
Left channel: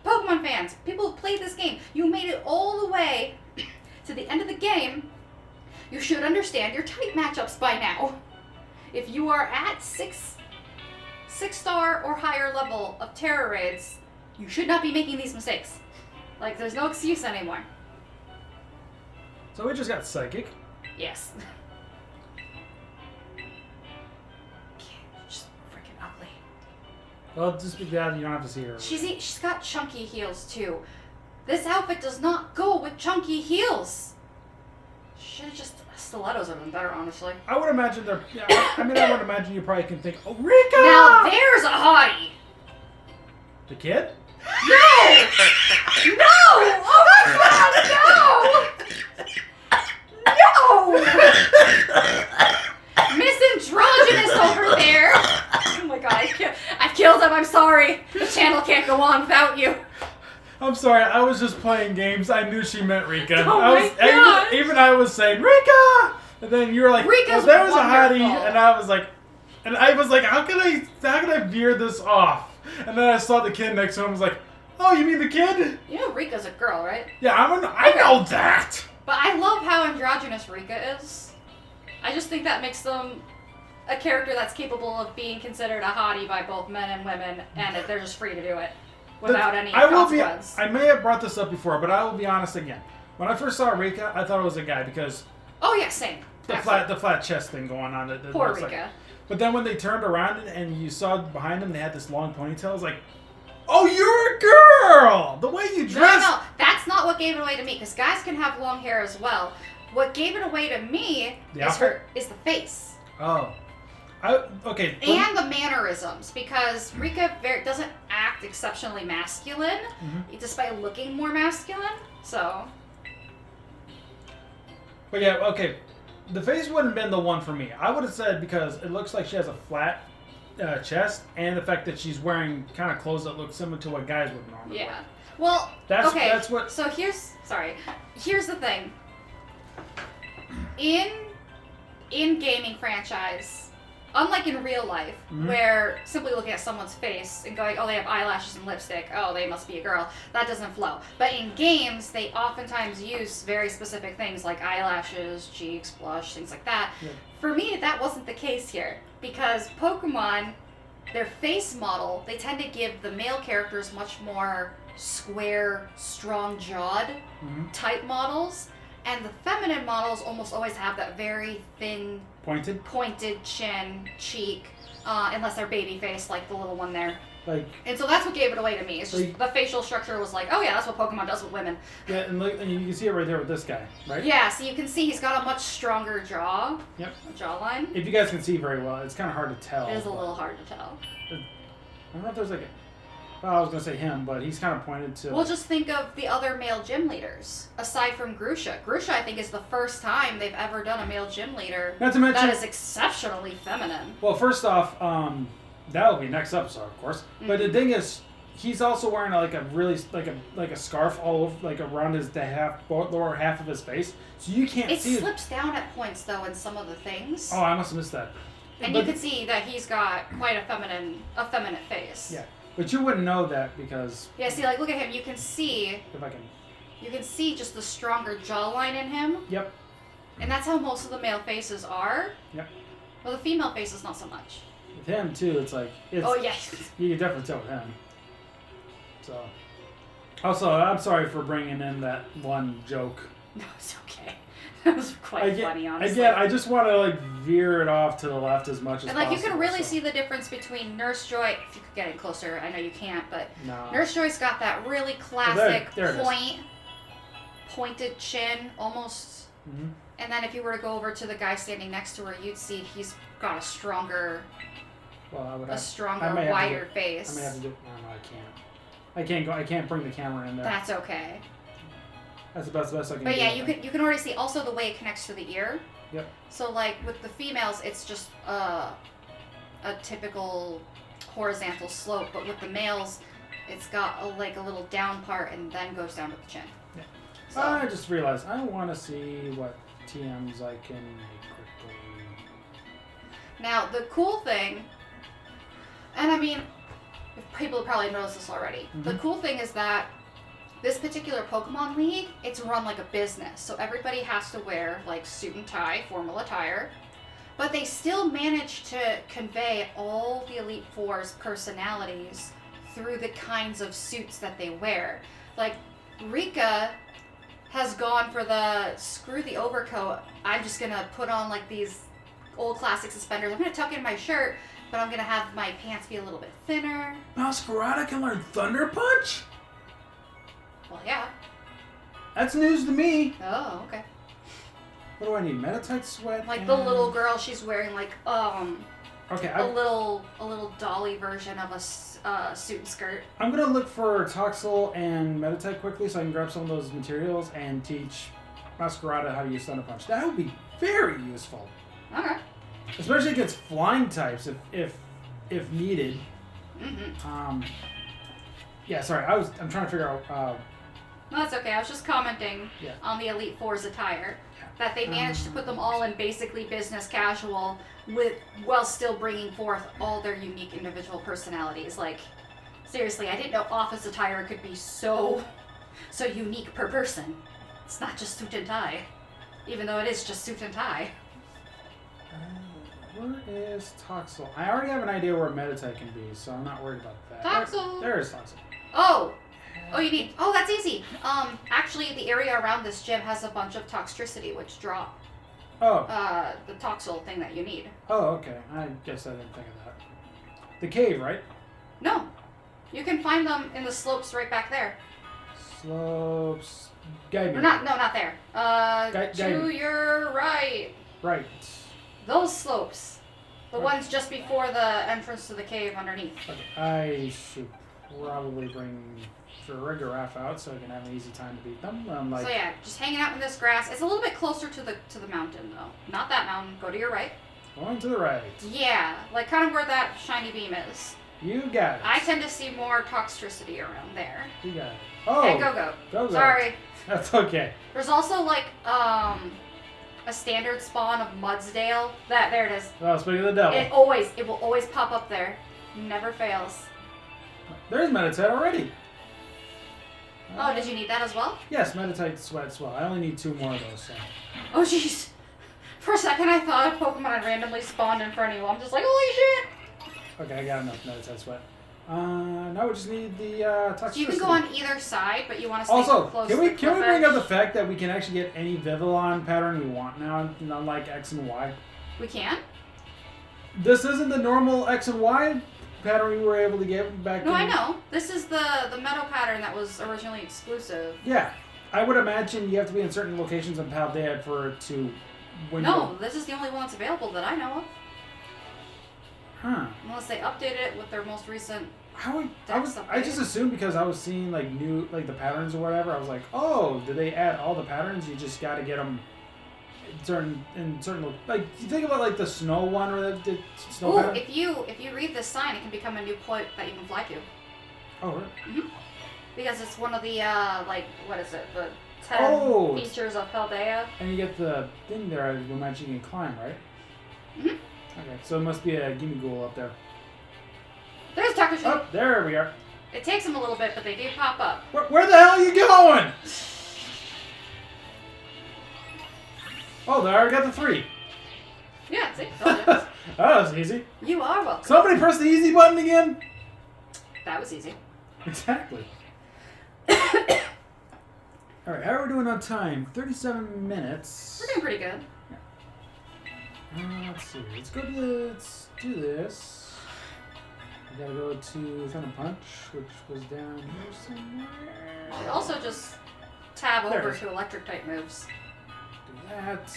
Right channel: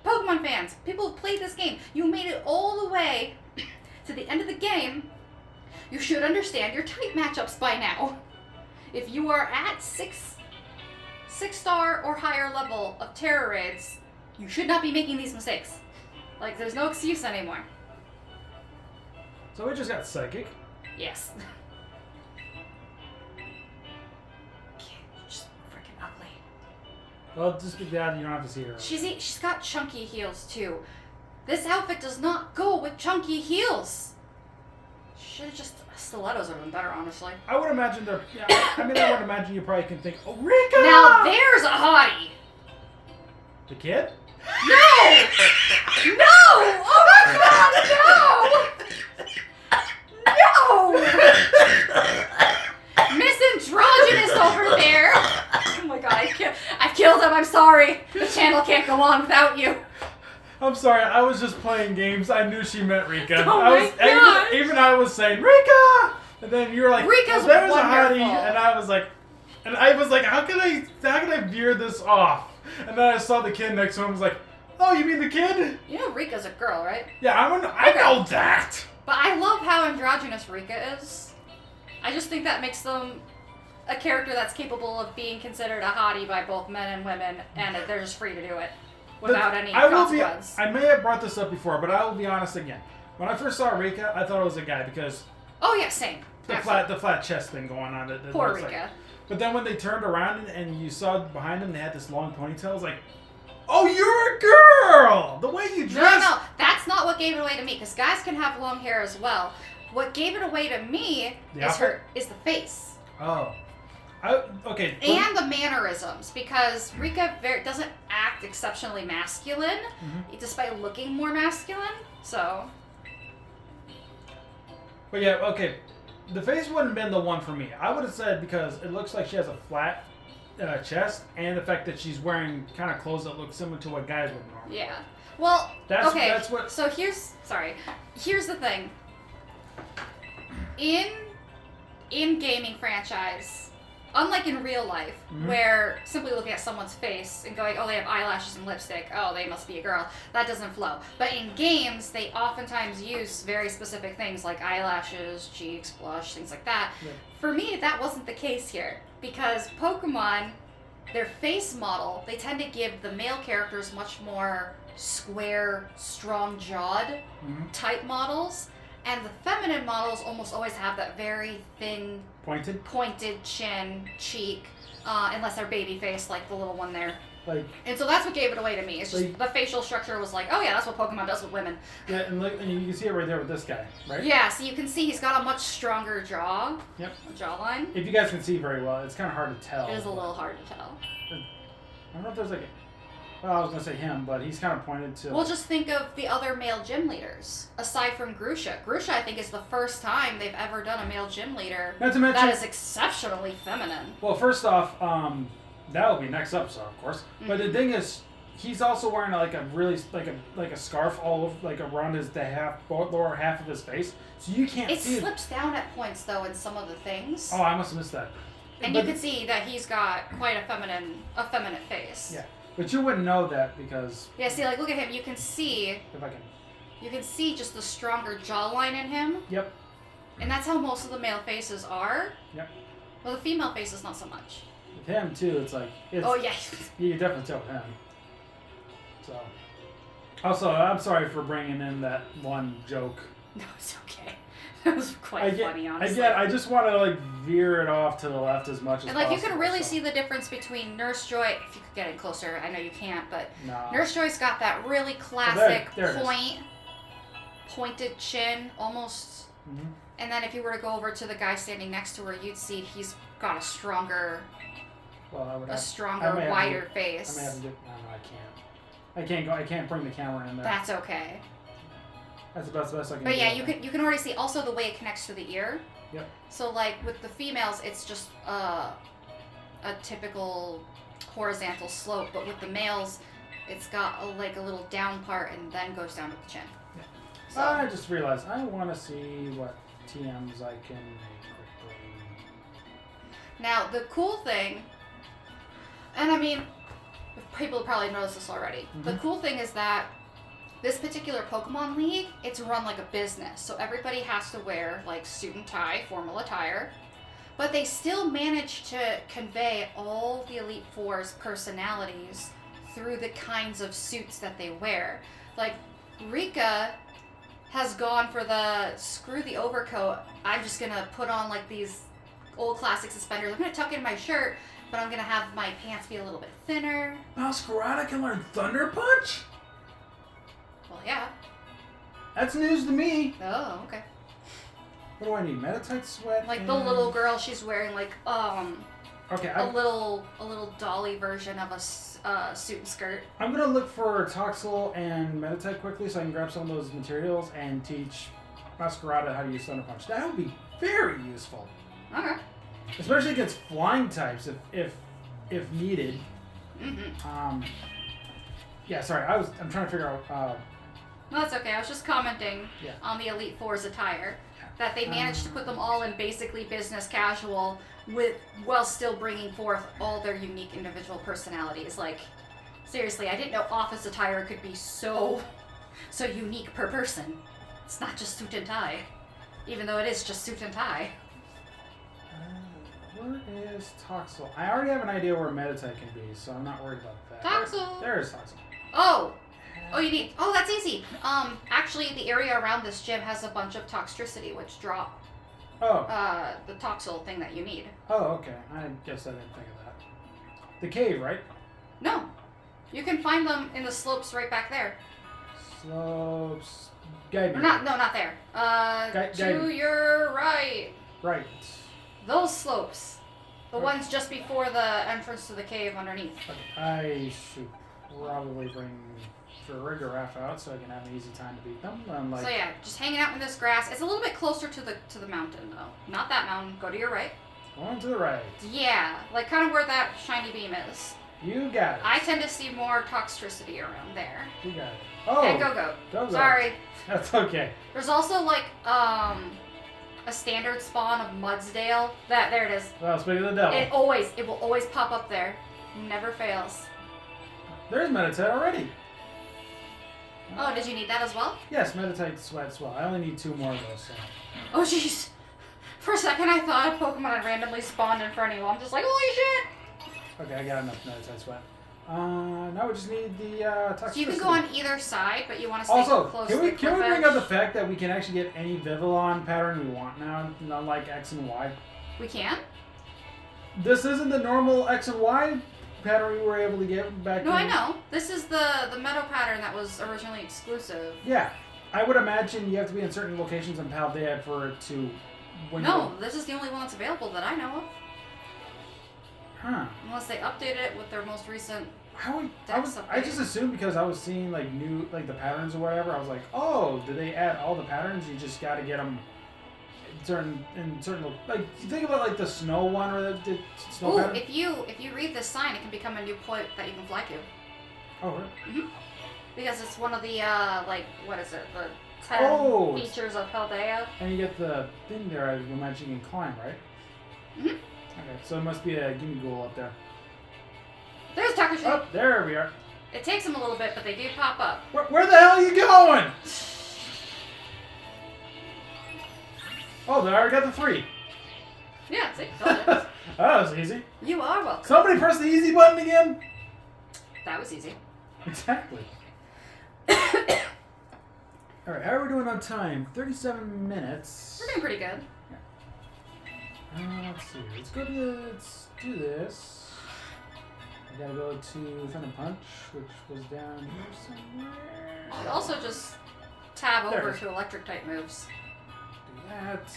Pokemon fans, people have played this game. You made it all the way to the end of the game. You should understand your type matchups by now. If you are at 6-star or higher level of Terror raids, you should not be making these mistakes. Like, there's no excuse anymore. So we just got Psychic. Yes. She's freaking ugly. Well, just be glad you don't have to see her. She's got chunky heels too. This outfit does not go with chunky heels. Should just stilettos have been better, honestly. I would imagine they're. Yeah, I would imagine you probably can think, oh, Rika! Now there's a hottie. The kid? No! No! Oh my God! No! No! Miss Androgynous over there. Oh my God! I kill them. I'm sorry. The channel can't go on without you. I'm sorry, I was just playing games. I knew she meant Rika. Oh my gosh. Even I was saying, Rika! And then you were like, Rika's there was wonderful. a hottie, and I was like, how can I veer this off? And then I saw the kid next to him, and was like, oh, you mean the kid? You know Rika's a girl, right? Yeah, I know that. But I love how androgynous Rika is. I just think that makes them a character that's capable of being considered a hottie by both men and women, and that they're just free to do it without any consequence. I may have brought this up before, but I will be honest again. When I first saw Rika, I thought it was a guy because Oh yeah, same. the flat chest thing going on. Poor Rika. Rika. But then when they turned around and you saw behind them, they had this long ponytail. I was like, oh, you're a girl! The way you dress. No, that's not what gave it away to me. Because guys can have long hair as well. What gave it away to me is the face. Oh. Okay. And the mannerisms, because Rika doesn't act exceptionally masculine, despite looking more masculine. So. But yeah, okay. The face wouldn't have been the one for me. I would have said because it looks like she has a flat chest, and the fact that she's wearing kind of clothes that look similar to what guys would normally wear. Yeah. Well, That's what. So here's the thing. In gaming franchise, unlike in real life, where simply looking at someone's face and going, oh, they have eyelashes and lipstick, oh, they must be a girl, that doesn't flow. But in games, they oftentimes use very specific things like eyelashes, cheeks, blush, things like that. Yeah. For me, that wasn't the case here, because Pokemon, their face model, they tend to give the male characters much more square, strong-jawed type models. And the feminine models almost always have that very thin, pointed chin, cheek, unless they're baby face, like the little one there. And so that's what gave it away to me. It's just the facial structure was like, oh yeah, that's what Pokemon does with women. Yeah, and you can see it right there with this guy, right? Yeah, so you can see he's got a much stronger jaw. Yep. Jawline. If you guys can see very well, it's kind of hard to tell. It is a little hard to tell. I don't know if there's well, I was going to say him, but he's kind of pointed to... Well, just think of the other male gym leaders, aside from Grusha. Grusha, I think, is the first time they've ever done a male gym leader Not to mention, that is exceptionally feminine. Well, first off, that will be next episode, of course. But the thing is, he's also wearing like a scarf all around his lower half of his face, so you can't see. It slips down at points though in some of the things. Oh, I must have missed that. And you can see that he's got quite a feminine face. Yeah. But you wouldn't know that because... Yeah, see, look at him. You can see... If I can... You can see just the stronger jawline in him. Yep. And that's how most of the male faces are. Yep. Well, the female faces, not so much. With him, too, it's like... Oh, yeah. You can definitely tell with him. So... Also, I'm sorry for bringing in that one joke. No, it's okay. That was quite funny, honestly. Again, I just want to veer it off to the left as much as possible. And you can really see the difference between Nurse Joy. If you could get it closer, I know you can't, but no. Nurse Joy's got that really classic pointed chin, almost. And then if you were to go over to the guy standing next to her, you'd see he's got a stronger, wider face. I may have to do. No, I can't. I can't bring the camera in there. That's okay. That's the best I can do. But yeah, you can already see also the way it connects to the ear. Yep. So with the females, it's just a typical horizontal slope, but with the males, it's got a little down part and then goes down to the chin. Yeah. So. I just realized I want to see what TMs I can make quickly. Now the cool thing, and I mean, people probably noticed this already. The cool thing is that this particular Pokemon League, it's run like a business. So everybody has to wear suit and tie, formal attire. But they still manage to convey all the Elite Four's personalities through the kinds of suits that they wear. Rika has gone for the screw the overcoat. I'm just gonna put on these old classic suspenders. I'm gonna tuck in my shirt, but I'm gonna have my pants be a little bit thinner. Masquerada can learn Thunder Punch? Well, yeah. That's news to me. Oh, okay. What do I need? Metatite sweat? The little girl, she's wearing okay, a little dolly version of a suit and skirt. I'm gonna look for Toxel and Metatite quickly so I can grab some of those materials and teach Masquerada how to use Thunder Punch. That would be very useful. Okay. Especially against flying types if needed. Mm-hmm. Yeah, sorry. I'm trying to figure out. No, that's okay. I was just commenting on the Elite Four's attire. That they managed to put them all in basically business casual while still bringing forth all their unique individual personalities. Like, seriously, I didn't know office attire could be so unique per person. It's not just suit and tie. Even though it is just suit and tie. Where is Toxel? I already have an idea where Meditite can be, so I'm not worried about that. Toxel! There is Toxel. Oh! Oh, you need... Oh, that's easy. Actually, the area around this gym has a bunch of Toxtricity, which drop... Oh. The Toxel thing that you need. Oh, okay. I guess I didn't think of that. The cave, right? No. You can find them in the slopes right back there. Slopes... Guide me. Or not there. To me. your right. Right. Those slopes. The ones just before the entrance to the cave underneath. Okay. I should probably bring Farigiraf out so I can have an easy time to beat them. So yeah, just hanging out in this grass. It's a little bit closer to the mountain though. Not that mountain. Go to your right. Going to the right. Yeah, like kind of where that shiny beam is. You got it. I tend to see more Toxtricity around there. You got it. Oh. Hey, go. Sorry. That's okay. There's also like a standard spawn of Mudsdale. There it is. Oh, speaking of the devil. It will always pop up there. Never fails. There's Meditite already. Oh, did you need that as well? Yes, Meditite sweats well. I only need 2 more of those. So. Oh jeez. For a second I thought a Pokemon had randomly spawned in front of you. I'm just like, holy shit! Okay, I got enough Meditite sweat. Now we just need the Toxtricity. So you can go on either side, but you want to stay also, close can to we the cliff bring edge? up the fact that we can actually get any Vivillon pattern we want now, unlike X and Y? We can? This isn't the normal X and Y pattern we were able to get back No, I know. This is the meadow pattern that was originally exclusive. Yeah. I would imagine you have to be in certain locations in Paldea for it to... No, this is the only one that's available that I know of. Huh. Unless they update it with their most recent... I just assumed because I was seeing like new the patterns or whatever. I was like, oh, did they add all the patterns? You just got to get them in certain like you think about like the snow one or the snow pattern. If you read this sign, it can become a new point that you can fly to. Oh, really? Mm-hmm. Because it's one of the what is it? The 10 features of Paldea. And you get the thing there. You mentioned you can climb, right? Mm-hmm. Okay, so it must be a Gimmighoul up there. There's Takashi. Oh, there we are. It takes them a little bit, but they do pop up. Where the hell are you going? Oh, they already got the 3. Yeah, see? Oh, that was easy. You are welcome. Somebody press the easy button again. That was easy. Exactly. Alright, how are we doing on time? 37 minutes. We're doing pretty good. Let's see. Let's do this. I gotta go to Thunder Punch, which was down here somewhere. You could also just tab There over it is. to electric type moves. Do that.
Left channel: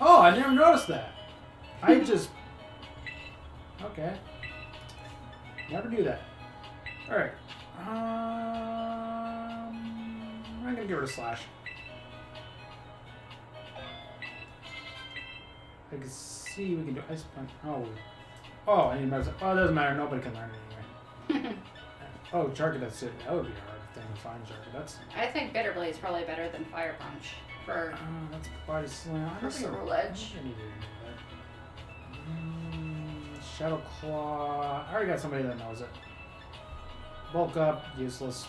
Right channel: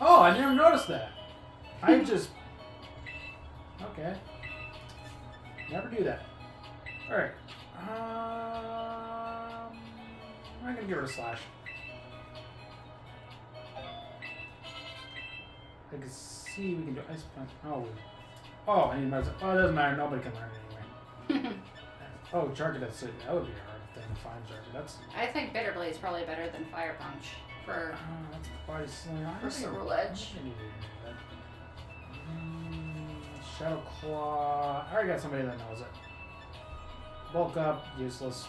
Oh, I never noticed that. I just... Okay. Never do that. Alright. I'm gonna get rid of Slash. I can see we can do Ice Punch. Oh, I need my... Oh, it doesn't matter. Nobody can learn it anyway. Oh, Charger, that's it. That would be a hard thing to find, Charger. That's... I think Bitter Blade is probably better than Fire Punch for that's Body Slam. Cerule Edge. Shadow Claw. I already got somebody that knows it. Bulk Up, useless.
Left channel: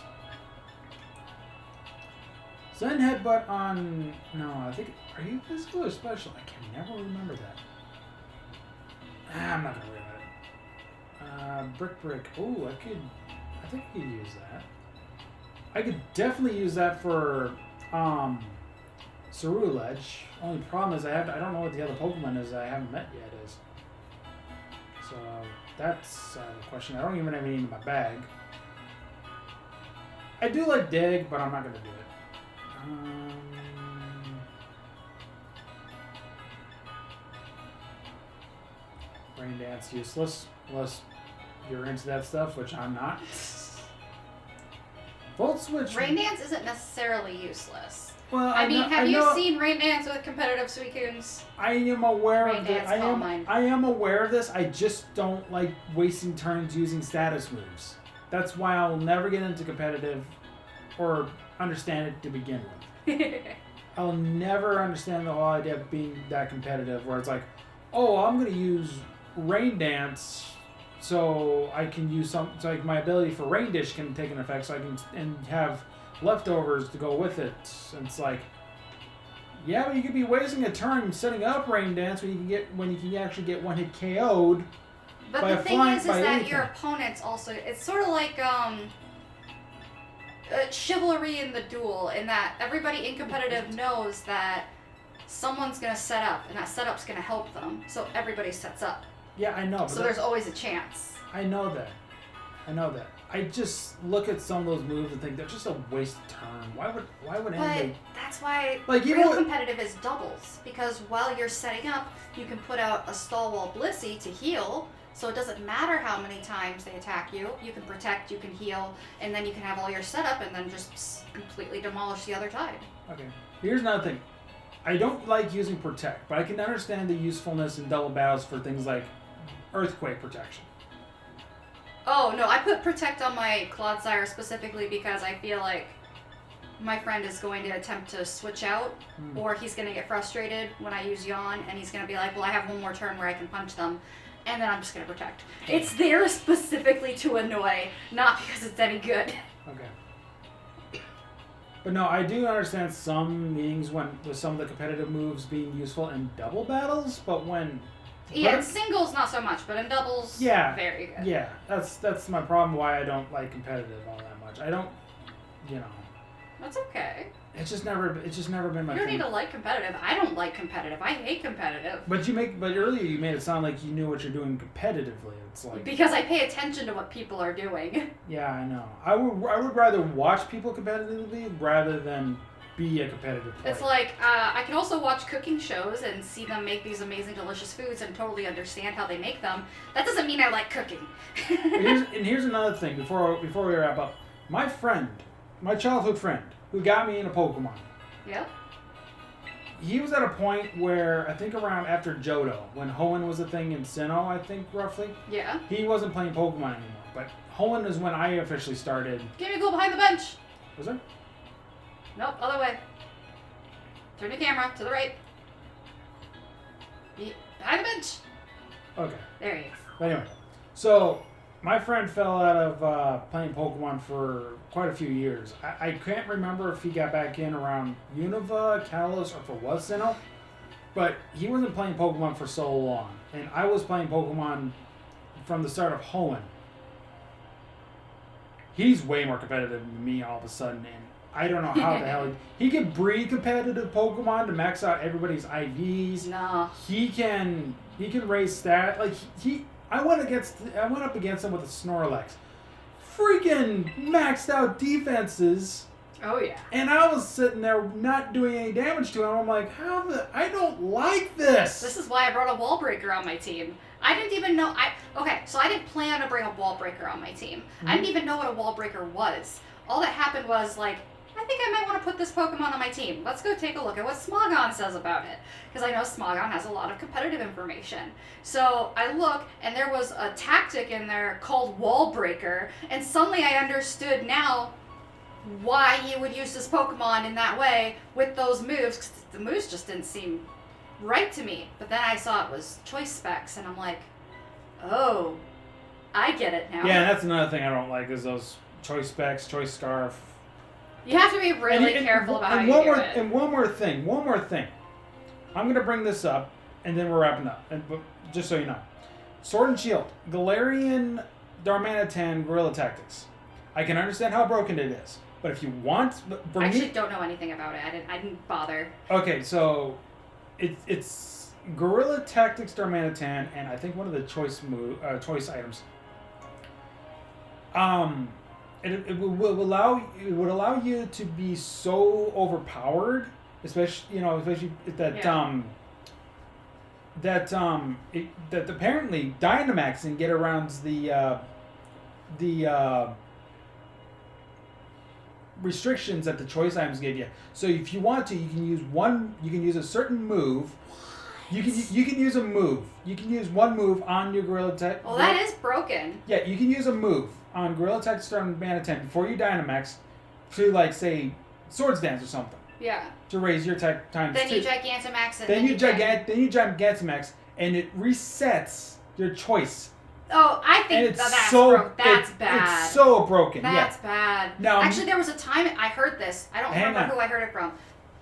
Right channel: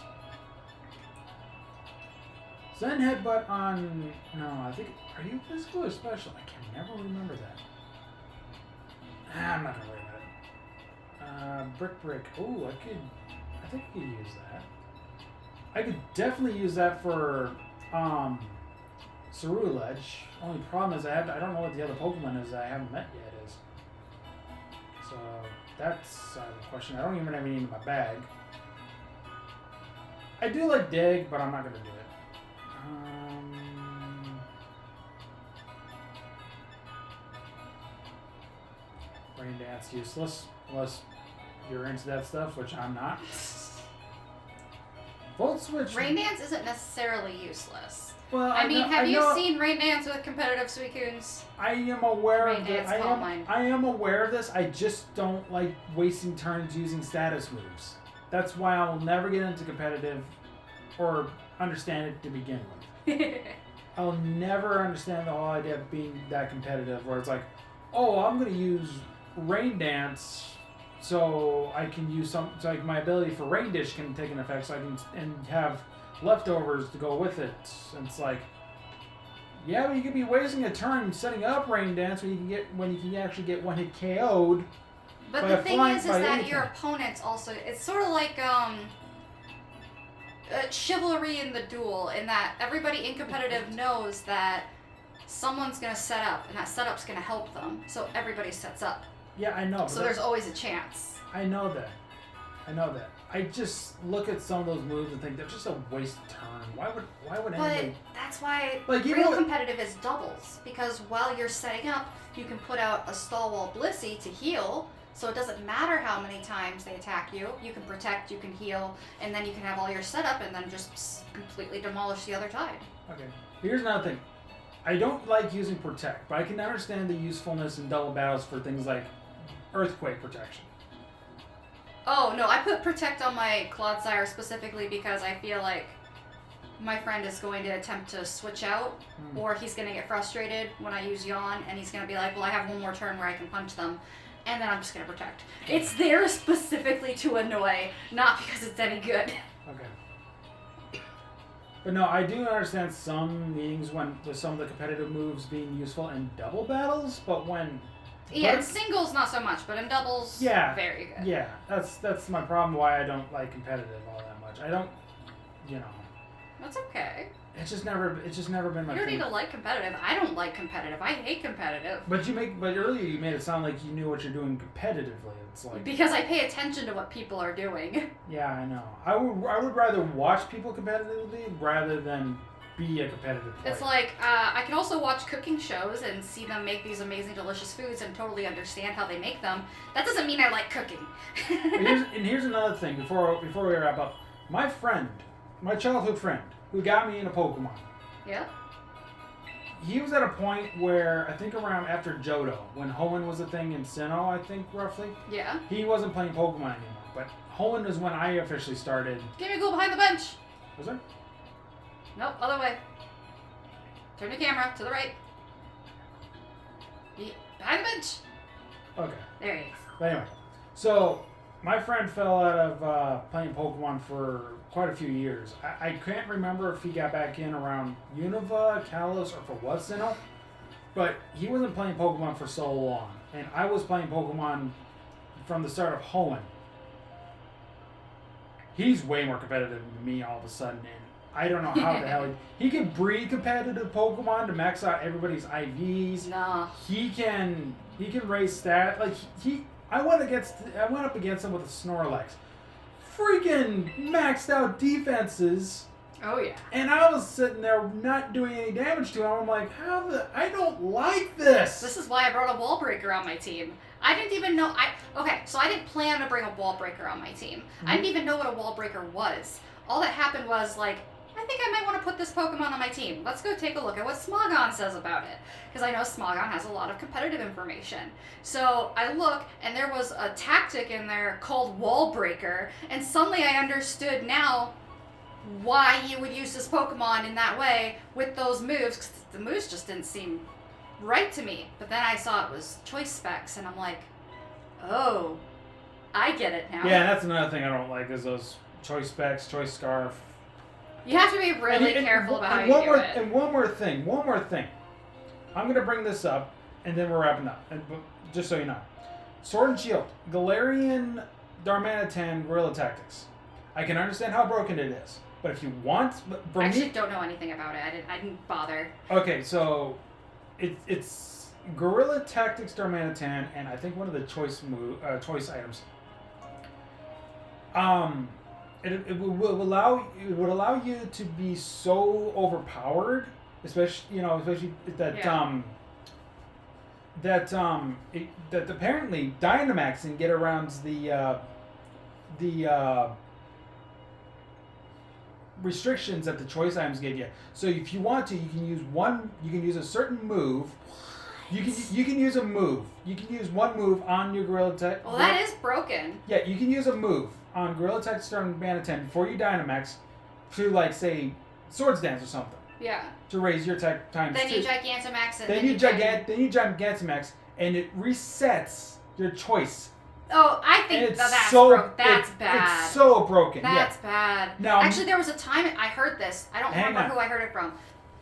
Zen Headbutt on... No, I think... Are you physical or special? I can never remember that. I'm not gonna worry about it. Brick. Ooh, I think I could use that. I could definitely use that for Cerule Edge. Only problem is I don't know what the other Pokemon is that I haven't met yet is. So that's the question. I don't even have any in my bag. I do like Dig, but I'm not gonna do it. Rain Dance useless unless you're into that stuff, which I'm not. Volt Switch. Rain Dance isn't necessarily useless. Well, I mean, have I you know, seen Rain Dance with competitive Suicunes? I am aware Rain of Dance, it. call mine. I am aware of this. I just don't like wasting turns using status moves. That's why I'll never get into competitive or understand it to begin with. I'll never understand the whole idea of being that competitive where it's like, oh, I'm going to use Rain Dance so I can use so like my ability for Rain Dish can take an effect so I can and have leftovers to go with it. And it's like, yeah, but you could be wasting a turn setting up Rain Dance when you can actually get one hit KO'd. But by the thing is by that anything. your opponents also, it's sort of like chivalry in the duel, in that everybody in competitive knows that someone's going to set up, and that setup's going to help them. So everybody sets up. Yeah, I know. So there's always a chance. I know that. I just look at some of those moves and think they're just a waste of time. Why would But anybody? that's why Like, you real know- competitive is doubles, because while you're setting up, you can put out a Stalwall Blissey to heal, so it doesn't matter how many times they attack you. You can protect, you can heal, and then you can have all your setup and then just completely demolish the other side. Okay. Here's another thing. I don't like using Protect, but I can understand the usefulness in double battles for things like Earthquake protection. Oh, no, I put Protect on my Clodsire specifically because I feel like my friend is going to attempt to switch out, or he's going to get frustrated when I use Yawn, and he's going to be like, well, I have one more turn where I can punch them, and then I'm just going to Protect. It's there specifically to annoy, not because it's any good. Okay. But no, I do understand some meanings when there's some of the competitive moves being useful in double battles, but when Yeah, in singles, not so much, but in doubles, Yeah. very good. yeah, that's my problem. Why I don't like competitive all that much. I don't, you know, That's okay. it's just never been my You don't thing. need to like competitive. I don't like competitive. I hate competitive. But earlier you made it sound like you knew what you're doing competitively. It's like, Because I pay attention to what people are doing. yeah, I know. I would rather watch people competitively rather than be a competitive player. It's like, I can also watch cooking shows and see them make these amazing, delicious foods and totally understand how they make them. That doesn't mean I like cooking. Here's another thing before we wrap up. My friend, my childhood friend, who got me into Pokemon, Yeah? he was at a point where I think around after Johto, when Hoenn was a thing in Sinnoh, I think roughly, Yeah. he wasn't playing Pokemon anymore. But Hoenn is when I officially started. Give me go behind the bench. Was it? Nope, other way. Turn the camera to the right. Behind the bench. Okay. There he is. But anyway, so my friend fell out of playing Pokemon for quite a few years. I can't remember if he got back in around Unova, Kalos, or if it was Sinnoh, but he wasn't playing Pokemon for so long. And I was playing Pokemon from the start of Hoenn. He's way more competitive than me all of a sudden, and I don't know how the hell he can breed competitive Pokemon to max out everybody's IVs. Nah. He can raise stat like I went up against him with a Snorlax, freaking maxed out defenses, Oh, yeah. and I was sitting there not doing any damage to him. I'm like, I don't like this. This is why I brought a wall breaker on my team. I didn't even know. So I didn't plan to bring a wall breaker on my team. I didn't even know what a wall breaker was. All that happened was like, I think I might want to put this Pokemon on my team. Let's go take a look at what Smogon says about it. Because I know Smogon has a lot of competitive information. So I look, and there was a tactic in there called Wall Breaker, and suddenly I understood now why you would use this Pokemon in that way with those moves, because the moves just didn't seem right to me. But then I saw it was choice specs, and I'm like, oh, I get it now. Yeah, that's another thing I don't like is those choice specs, choice scarf. You have to be really careful about how you do it. And one more thing. I'm going to bring this up, and then we're wrapping up. But just so you know. Sword and Shield. Galarian Darmanitan Guerrilla Tactics. I can understand how broken it is. But if you want... I actually don't know anything about it. I didn't bother. Okay, so it's Guerrilla Tactics Darmanitan, and I think one of the choice items. It would allow you to be so overpowered, especially that that apparently Dynamax can get around the restrictions that the choice items give you. So if you want to, you can use one. You can use a certain move. You can use a move. You can use one move on your Gorilla Tech. Well, that is broken. Yeah, you can use a move on Gorilla Tech starting Mana 10 before you Dynamax to, like, say, Swords Dance or something. Yeah. To raise your tech times Then 2. you Gigantamax and then you Gigantamax, and it resets your choice. Oh, I think And it's that's so that's bad. It's so broken. That's yeah. bad. Now, actually, there was a time I heard this. I don't remember who I heard it from.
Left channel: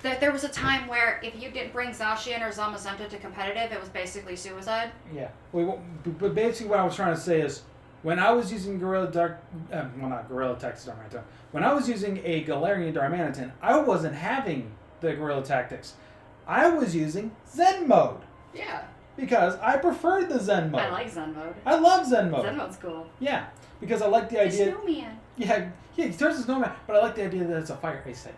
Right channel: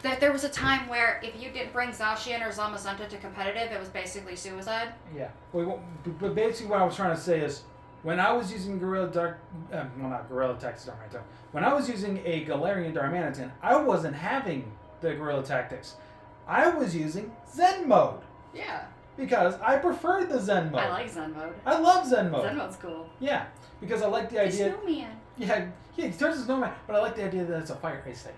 That there was a time where if you didn't bring Zacian or Zamazenta to competitive, it was basically suicide. Yeah. But basically, what I was trying to say is, when I was using Gorilla Dark, well, not Gorilla Tactics Darmanitan. When I was using a Galarian Darmanitan, I wasn't having the Gorilla Tactics. I was using Zen mode. Yeah. Because I preferred the Zen mode. I like Zen mode. I love Zen mode. Zen mode's cool. Yeah, because I like the idea. The snowman. Yeah, he turns into snowman, but I like the idea that it's a fire ice type.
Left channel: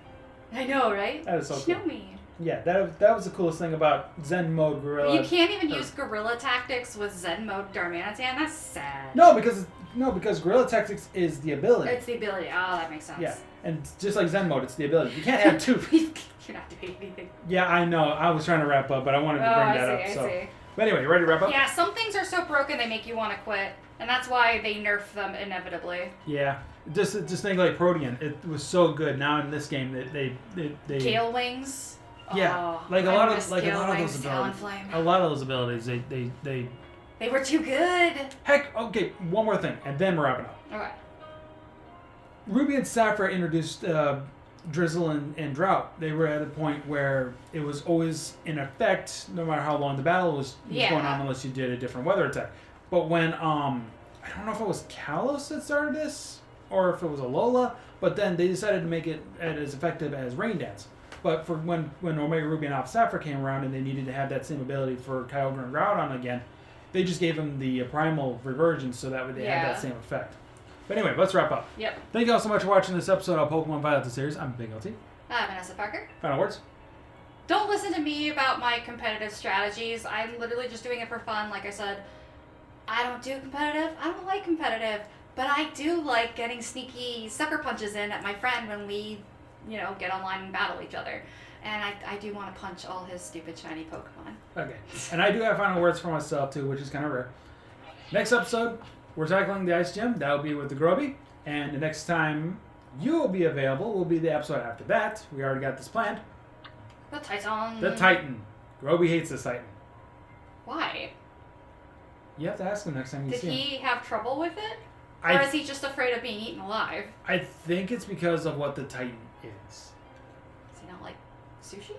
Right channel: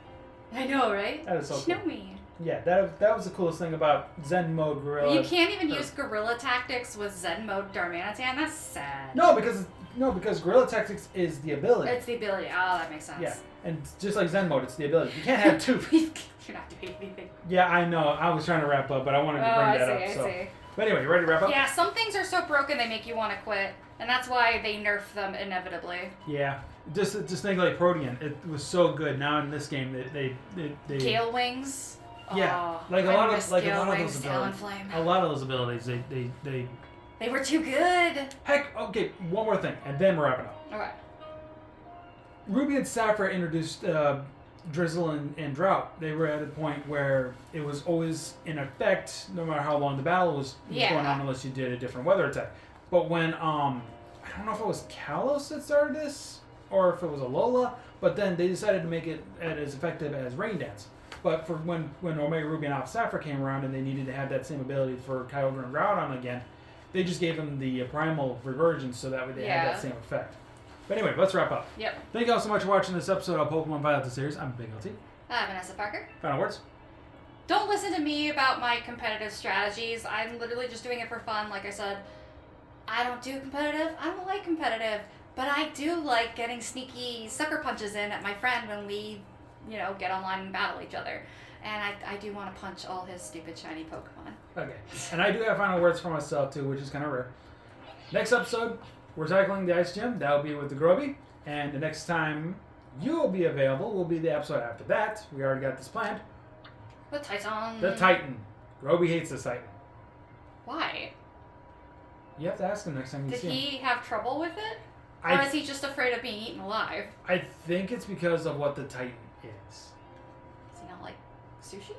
I know, right? That is so cool. Snowman. Yeah, that was the coolest thing about Zen mode Gorilla. You can't even use Gorilla Tactics with Zen mode Darmanitan. That's sad. No, because Gorilla Tactics is the ability. It's the ability. Oh, that makes sense. Yeah, and just like Zen mode, it's the ability. You can't have two. You're not doing anything. Yeah, I know. I was trying to wrap up, but I wanted to bring that up. I see. But anyway, you ready to wrap up? Yeah, some things are so broken they make you want to quit, and that's why they nerf them inevitably. Yeah, just think like Protean. It was so good. Now in this game, they Gale Wings. Yeah, oh, like a lot of those abilities. abilities. A lot of those abilities, they were too good. Heck, okay. One more thing, and then we're wrapping up. All right. Ruby and Sapphire introduced Drizzle and Drought. They were at a point where it was always in effect, no matter how long the battle was going on, unless you did a different weather attack. But when I don't know if it was Kalos that started this, or if it was Alola, but then they decided to make it as effective as Rain Dance. But for when Omega Ruby and Alpha Sapphire came around and they needed to have that same ability for Kyogre and Groudon again, they just gave them the Primal Reversion so that way they had that same effect. But anyway, let's wrap up. Yep. Thank you all so much for watching this episode of Pokemon Violet the Series. I'm Big LT. I'm SFParker. Final words? Don't listen to me about my competitive strategies. I'm literally just doing it for fun. Like I said, I don't do competitive. I don't like competitive. But I do like getting sneaky sucker punches in at my friend when we, get online and battle each other. And I do want to punch all his stupid shiny Pokemon. Okay. And I do have final words for myself, too, which is kind of rare. Next episode, we're tackling the Ice Gym. That'll be with the Groby. And the next time you will be available will be the episode after that. We already got this planned. The Titan. The Titan. Groby hates this Titan. Why? You have to ask him next time you see him. Did he have trouble with it? Or is he just afraid of being eaten alive? I think it's because of what the Titan is. Does he not like sushi?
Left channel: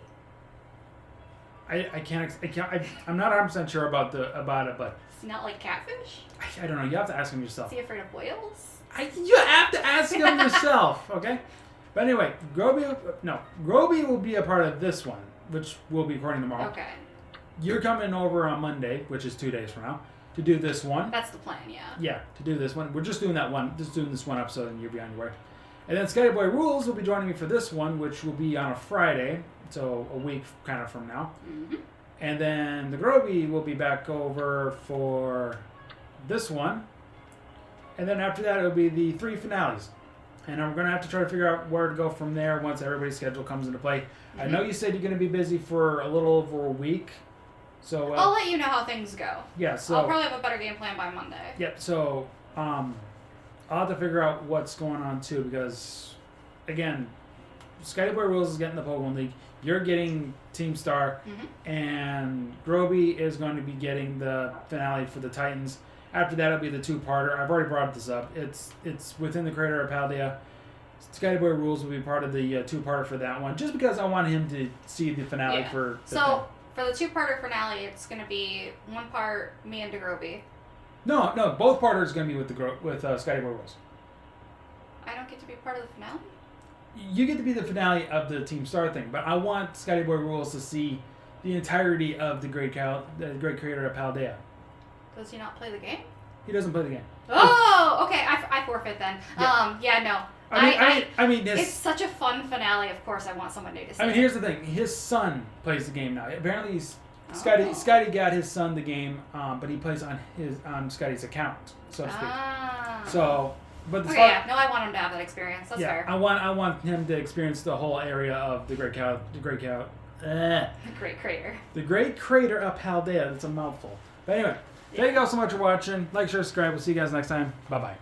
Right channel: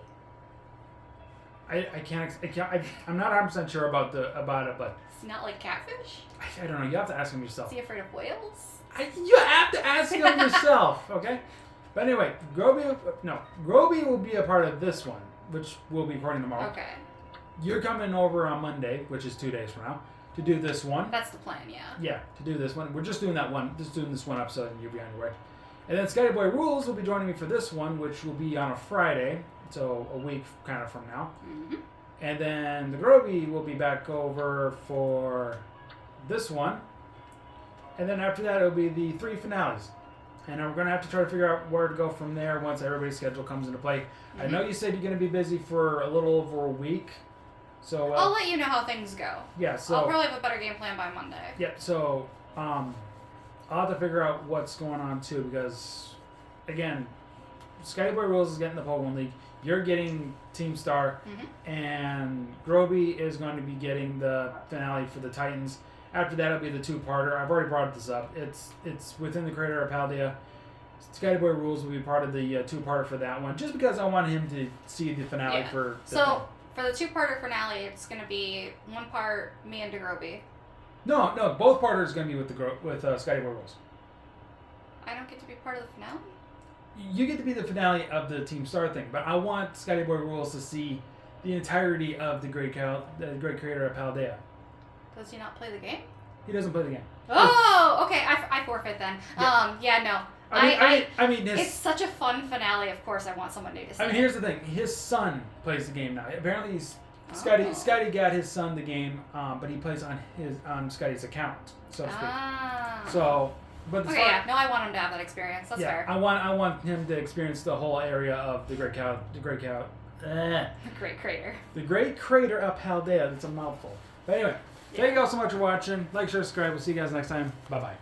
I'm not 100% sure about it, but Is he not like catfish? I don't know. You have to ask him yourself. Is he afraid of whales? You have to ask him yourself, okay? But anyway, Groby will be a part of this one, which we'll be recording tomorrow. Okay. You're coming over on Monday, which is 2 days from now, to do this one. That's the plan, yeah. Yeah, to do this one. We're just doing this one episode, and you'll be on your way. And then Skyboy Boy Rules will be joining me for this one, which will be on a Friday, so a week kind of from now. Mm-hmm. And then the Groby will be back over for this one. And then after that, it'll be the 3 finales. And I'm going to have to try to figure out where to go from there once everybody's schedule comes into play. Mm-hmm. I know you said you're going to be busy for a little over a week. So I'll let you know how things go. Yeah, so I'll probably have a better game plan by Monday. Yeah, so I'll have to figure out what's going on too, because again, Skyboy Rules is getting the Pokemon League. You're getting Team Star, and Groby is going to be getting the finale for the Titans. After that, it'll be the 2-parter. I've already brought this up. It's within the creator of Paldea. Skyboy Rules will be part of the 2-parter for that one, just because I want him to see the finale for. For the 2-parter finale, it's going to be 1 part me and DeGroby. No, both parters are going to be with Skyboy Rules. I don't get to be part of the finale? You get to be the finale of the Team Star thing, but I want Skyboy Rules to see the entirety of the great creator of Paldea. Does he not play the game? He doesn't play the game. Oh, okay. I forfeit then. Yeah. No. I mean, it's such a fun finale. Of course, I want someone to see. Here's the thing. His son plays the game now. Apparently, Scotty got his son the game, but he plays on Scotty's account, so to speak. So But Okay, yeah. No, I want him to have that experience. That's yeah, fair. I want him to experience the whole area of the Great Crater. The Great Crater of Paldea. That's a mouthful. But anyway, thank you all so much for watching. Like, share, subscribe. We'll see you guys next time. Bye bye.